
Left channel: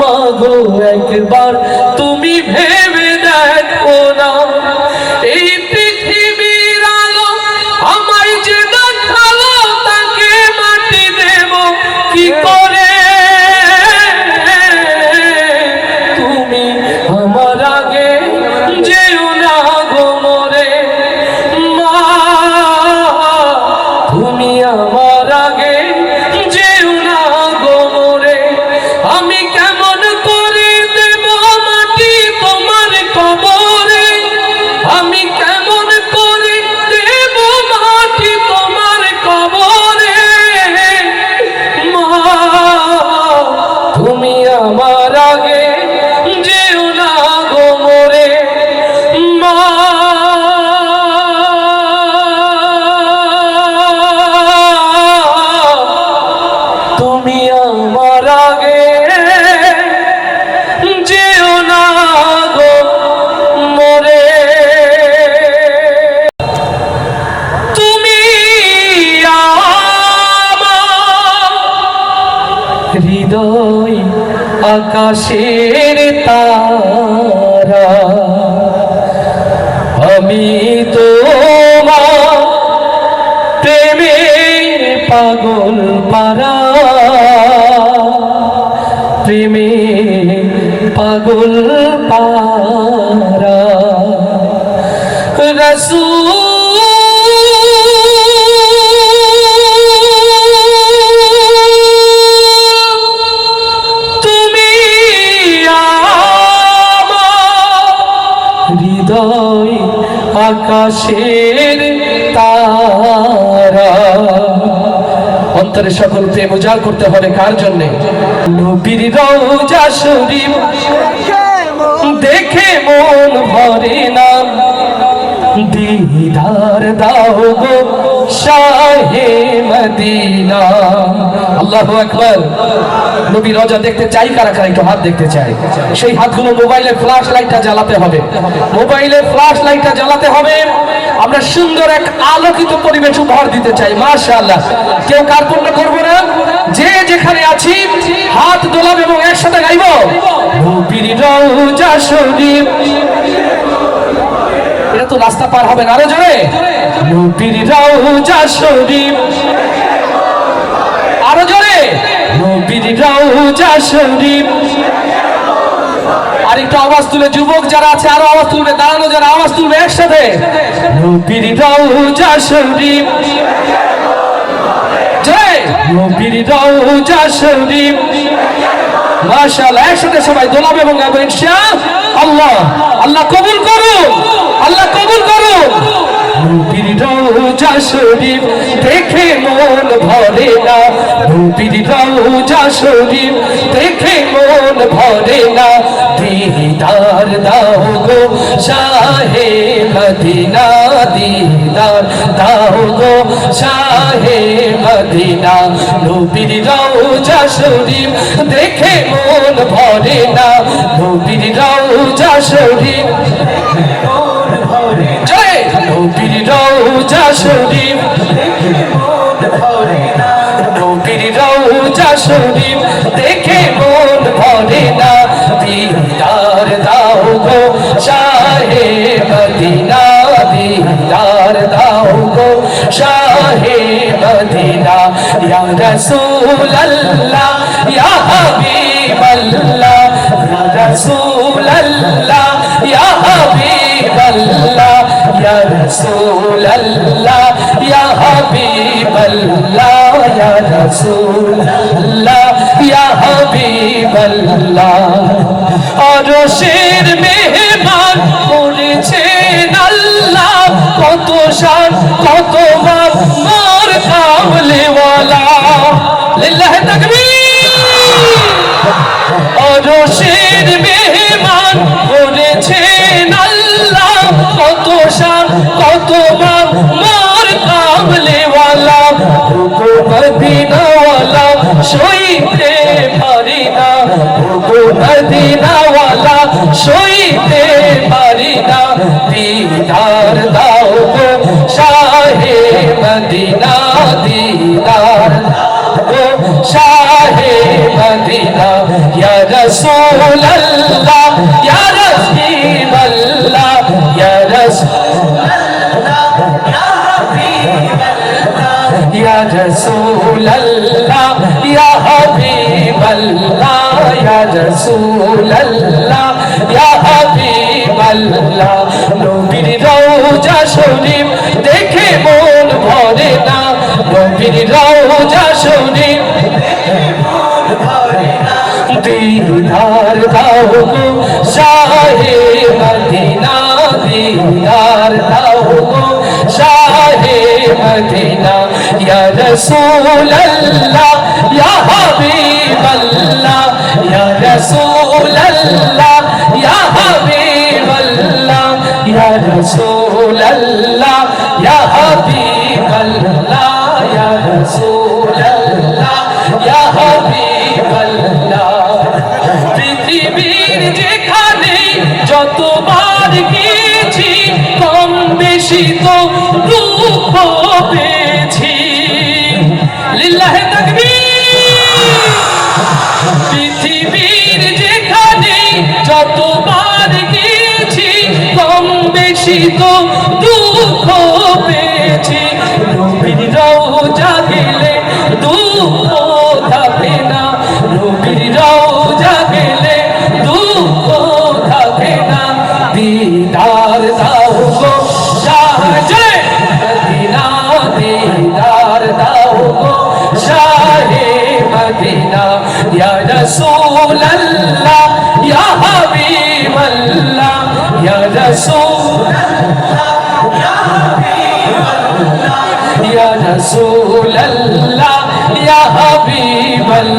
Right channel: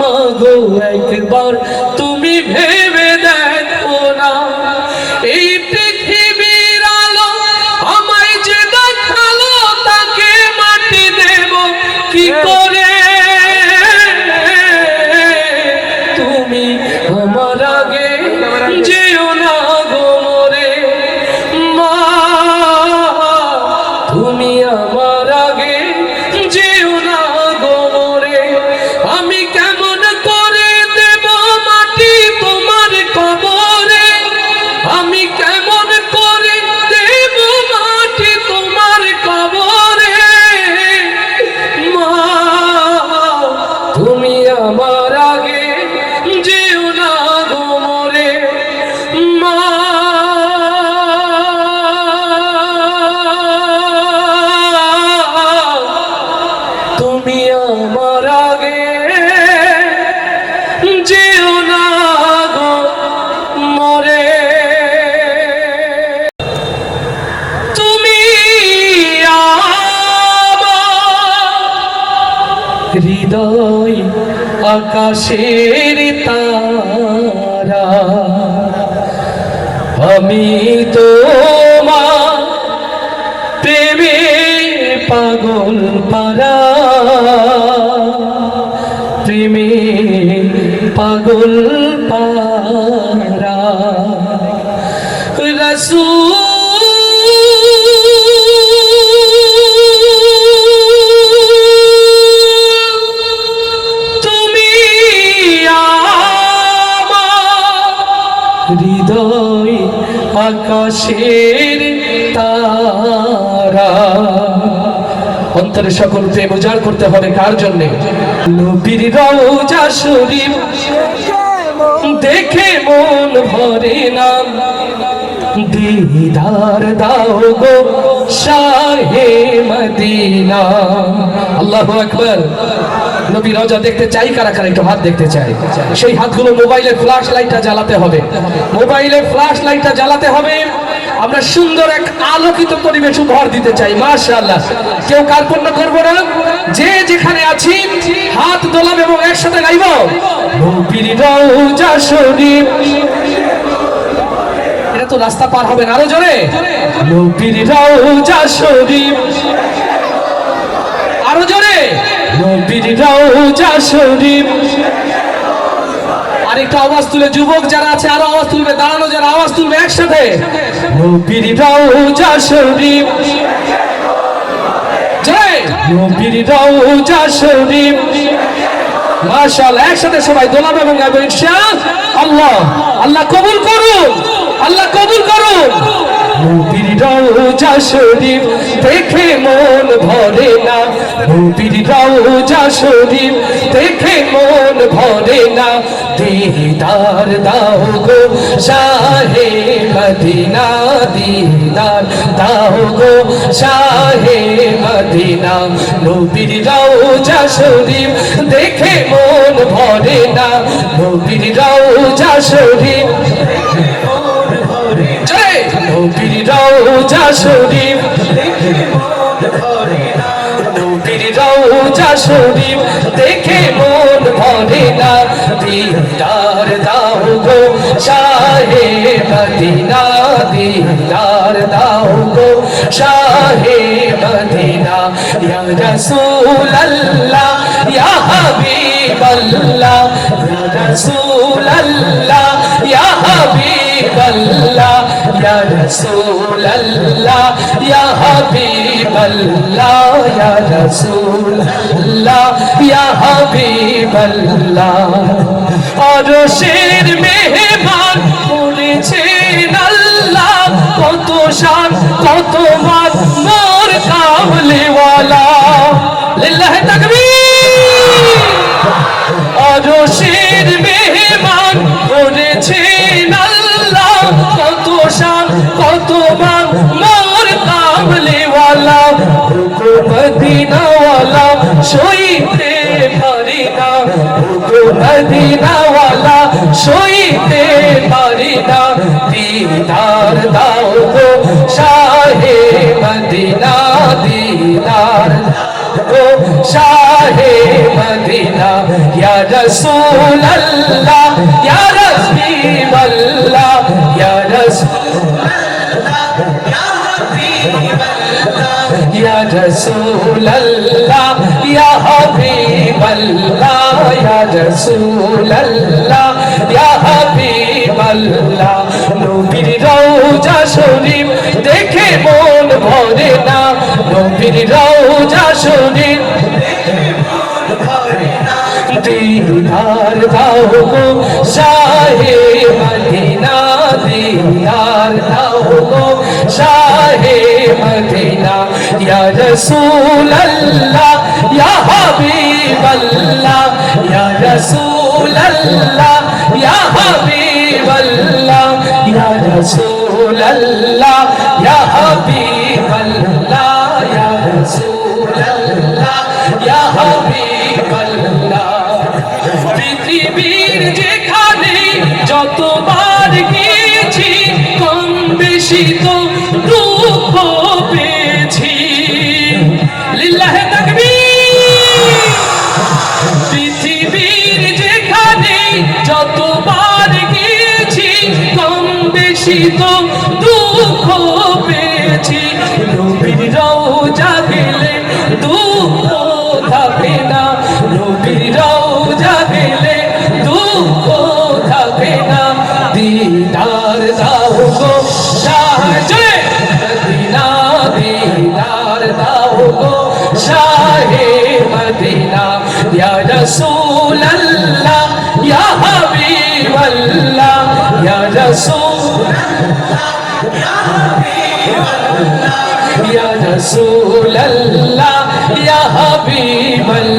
মাগো একবার তুমি ভেবে দেখো না, এই পৃথিবীর আলো আমায় যে দেখালো তাকে মাটি দেব কি করে, তুমি আমার আগে যেও না গো মোরে, মা তুমি আমার আগে যেও না গো মোরে, আমি কেমন করে দেব মাটি তোমার কবরে, আমি কেমন করে দেব মাটি তোমার কবরে, মা তুমি আমার আগে যেও না গো মোরে, মা তুমি আমার আগে যেও না গো মোরে, তুমি আমার হৃদয় আকাশের তারা, আমি তোমার প্রেমে পাগল পারা, প্রেমে পাগল পারা, রাসূল তুমি আমার হৃদয় আকাশের তারা, অন্তরে সকল প্রেম উজাড় করতে হবে কার জন্য? নবীর রওজা শরীফ দেখে মন ভরে না, দিদার দাও গো শাহে মদিনা, আল্লাহু আকবার। নবী রওজা দেখতে চাই কারা কারা, একটু হাত দেখতে চাই, সেই হাতগুলো মোবাইলের ফ্ল্যাশ লাইটটা জ্বালাতে হবে, মোবাইলের ফ্ল্যাশ লাইটটা জ্বালাতে হবে, আমরা সুন্দর এক আলোকিত পরিবেশ উপহার দিতে চাই, মাশাআল্লাহ। কেউ কার্পণ্য করবো না, যে যেখানে আছি হাত দোলাব এবং একসাথে গাইব নবীর রওজা শরীফ, এটা তো রাস্তা পার হবে না, আরো জোরে নবীর রওজা শরীফ, আরো জোরে নবীর রওজা শরীফ, আরেকটা আওয়াজ তুলে, যুবক যারা আছে আরো আওয়াজ তুলবে, দাঁড়ানো যারা আওয়াজ তুলবে একসাথে, নবীর রওজা শরীফ, জয় নবীর রওজা শরীফ, মাশাআল্লাহ। একসাথে সবাই দোলাবে এবং গাইবে ইনশাআল্লাহ। আল্লাহ কবুল করুন, আল্লাহ কবুল করুন। নবীর রওজা শরীফ দেখে মন ভরে না, নবীর রওজা শরীফ দেখে মন ভরে না, দিদার দাও গো শাহে মদিনা, দিদার দাও গো শাহে মদিনা, নবীর রওজা শরীফ দেখে মন ভরে না, নবীর রওজা শরীফ, জয় নবীর রওজা শরীফ, নবীর রওজা শরীফ দেখে মন ভরে না, দিদার দাও গো শাহে মদিনা, দিদার দাও গো শাহে মদিনা, ইয়া রাসূলুল্লাহ ইয়া হাবিবাল্লাহ, ইয়া রাসূলুল্লাহ ইয়া হাবিবাল্লাহ, ইয়া রাসূলুল্লাহ ইয়া হাবিবাল্লাহ, ইয়া রাসূলুল্লাহ ইয়া হাবিবাল্লাহ, আরশের মেহমান করেছেন আল্লাহ, কত শান কত মান মোর কামলিওয়ালা, লিল্লাহি তাকবীর। অরশের মেহমান করেছেন আল্লাহ, কত শান কত মান মোর কামলেওয়ালা, ওগো মদিনাওয়ালা সইতে পারি না, ওগো মদিনাওয়ালা সইতে পারি না, দিদার দাও গো শাহে মদিনা, দিদার গো শাহে মদিনা, ইয়া রাসূলুল্লাহ ইয়া রাসূলুল্লাহ ইয়া রাসূলুল্লাহ ইয়া রাসূলুল্লাহ ইয়া হাবিবাল্লাহ, ইয়া রাসূলুল্লাহ ইয়া হাবিবাল্লাহ, নবীর রওজা শরীফ দেখে মন ভরে না, নবীর রওজা শরীফ দিদার দাও গো শাহে মদিনা, দিদার দাও গো শাহে মদিনা, ইয়া রাসূলুল্লাহ ইয়া হাবিবাল্লাহ, ইয়া রাসূলুল্লাহ ইয়া হাবিবাল্লাহ, ইয়া রাসূলুল্লাহ ইয়া হাবিবাল্লাহ, ইয়া রাসূলুল্লাহ ইয়া হাবিবাল্লাহ, পৃথিবীর যেখানে যতবার গিয়েছি কম বেশি তো দুঃখ পেয়েছি, লিল্লাহে তাকবীর। পৃথিবীর যেখানে যতবার গিয়েছি কম বেশি তো দুঃখ পেয়েছি, নবীর রওজা গেলে দুঃখ থাকে না, নবীর রওজা গেলে দুঃখ থাকে না, দিদার দাও গো শাহে মদিনা, দিদার দাও গো শাহে মদিনা, ইয়া রাসূলুল্লাহ ইয়া হাবিবাল্লাহ, ইয়া রাসূলুল্লাহ ইয়া হাবিবাল্লাহ, ইয়া রাসূলুল্লাহ ইয়া হাবিবাল্লাহ,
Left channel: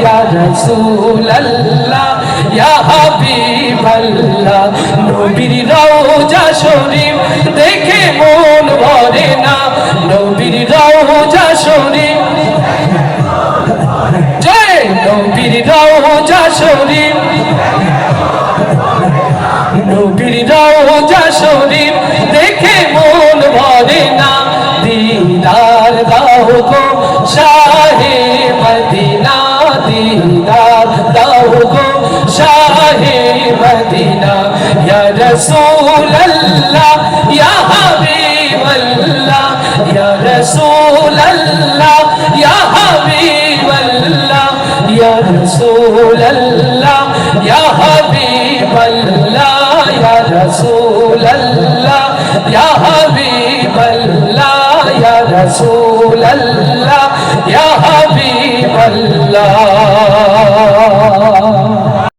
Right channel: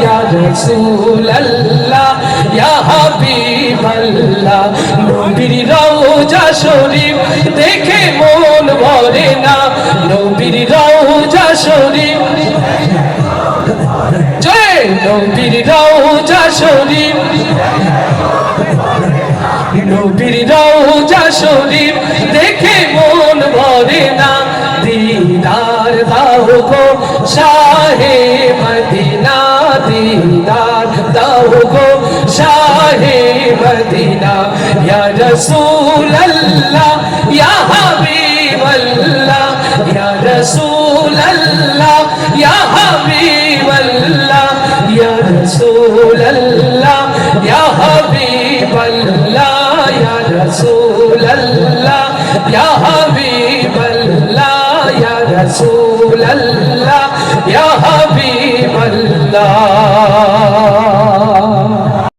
ইয়া রাসূলুল্লাহ ইয়া হাবিবাল্লাহ, নবীর রওজা শরীফ দেখে মন ভরে না, নবীর রওজা শরীফ জয়, নবীর রওজা শরীফ, নবীর রওজা শরীফ দেখে মন ভরে না, দিদার দাও গো শাহে মদিনা, দিদার দাও গো শাহে মদিনা, ইয়া রাসূলুল্লাহ ইয়া হাবিবাল্লাহ, ইয়া রাসূলুল্লাহ ইয়া হাবিবাল্লাহ, ইয়া রাসূলুল্লাহ ইয়া হাবিবাল্লাহ, ইয়া রাসূলুল্লাহ ইয়া হাবিবাল্লাহ, ইয়া রাসূলুল্লাহ ইয়া হাবিবাল্লাহ।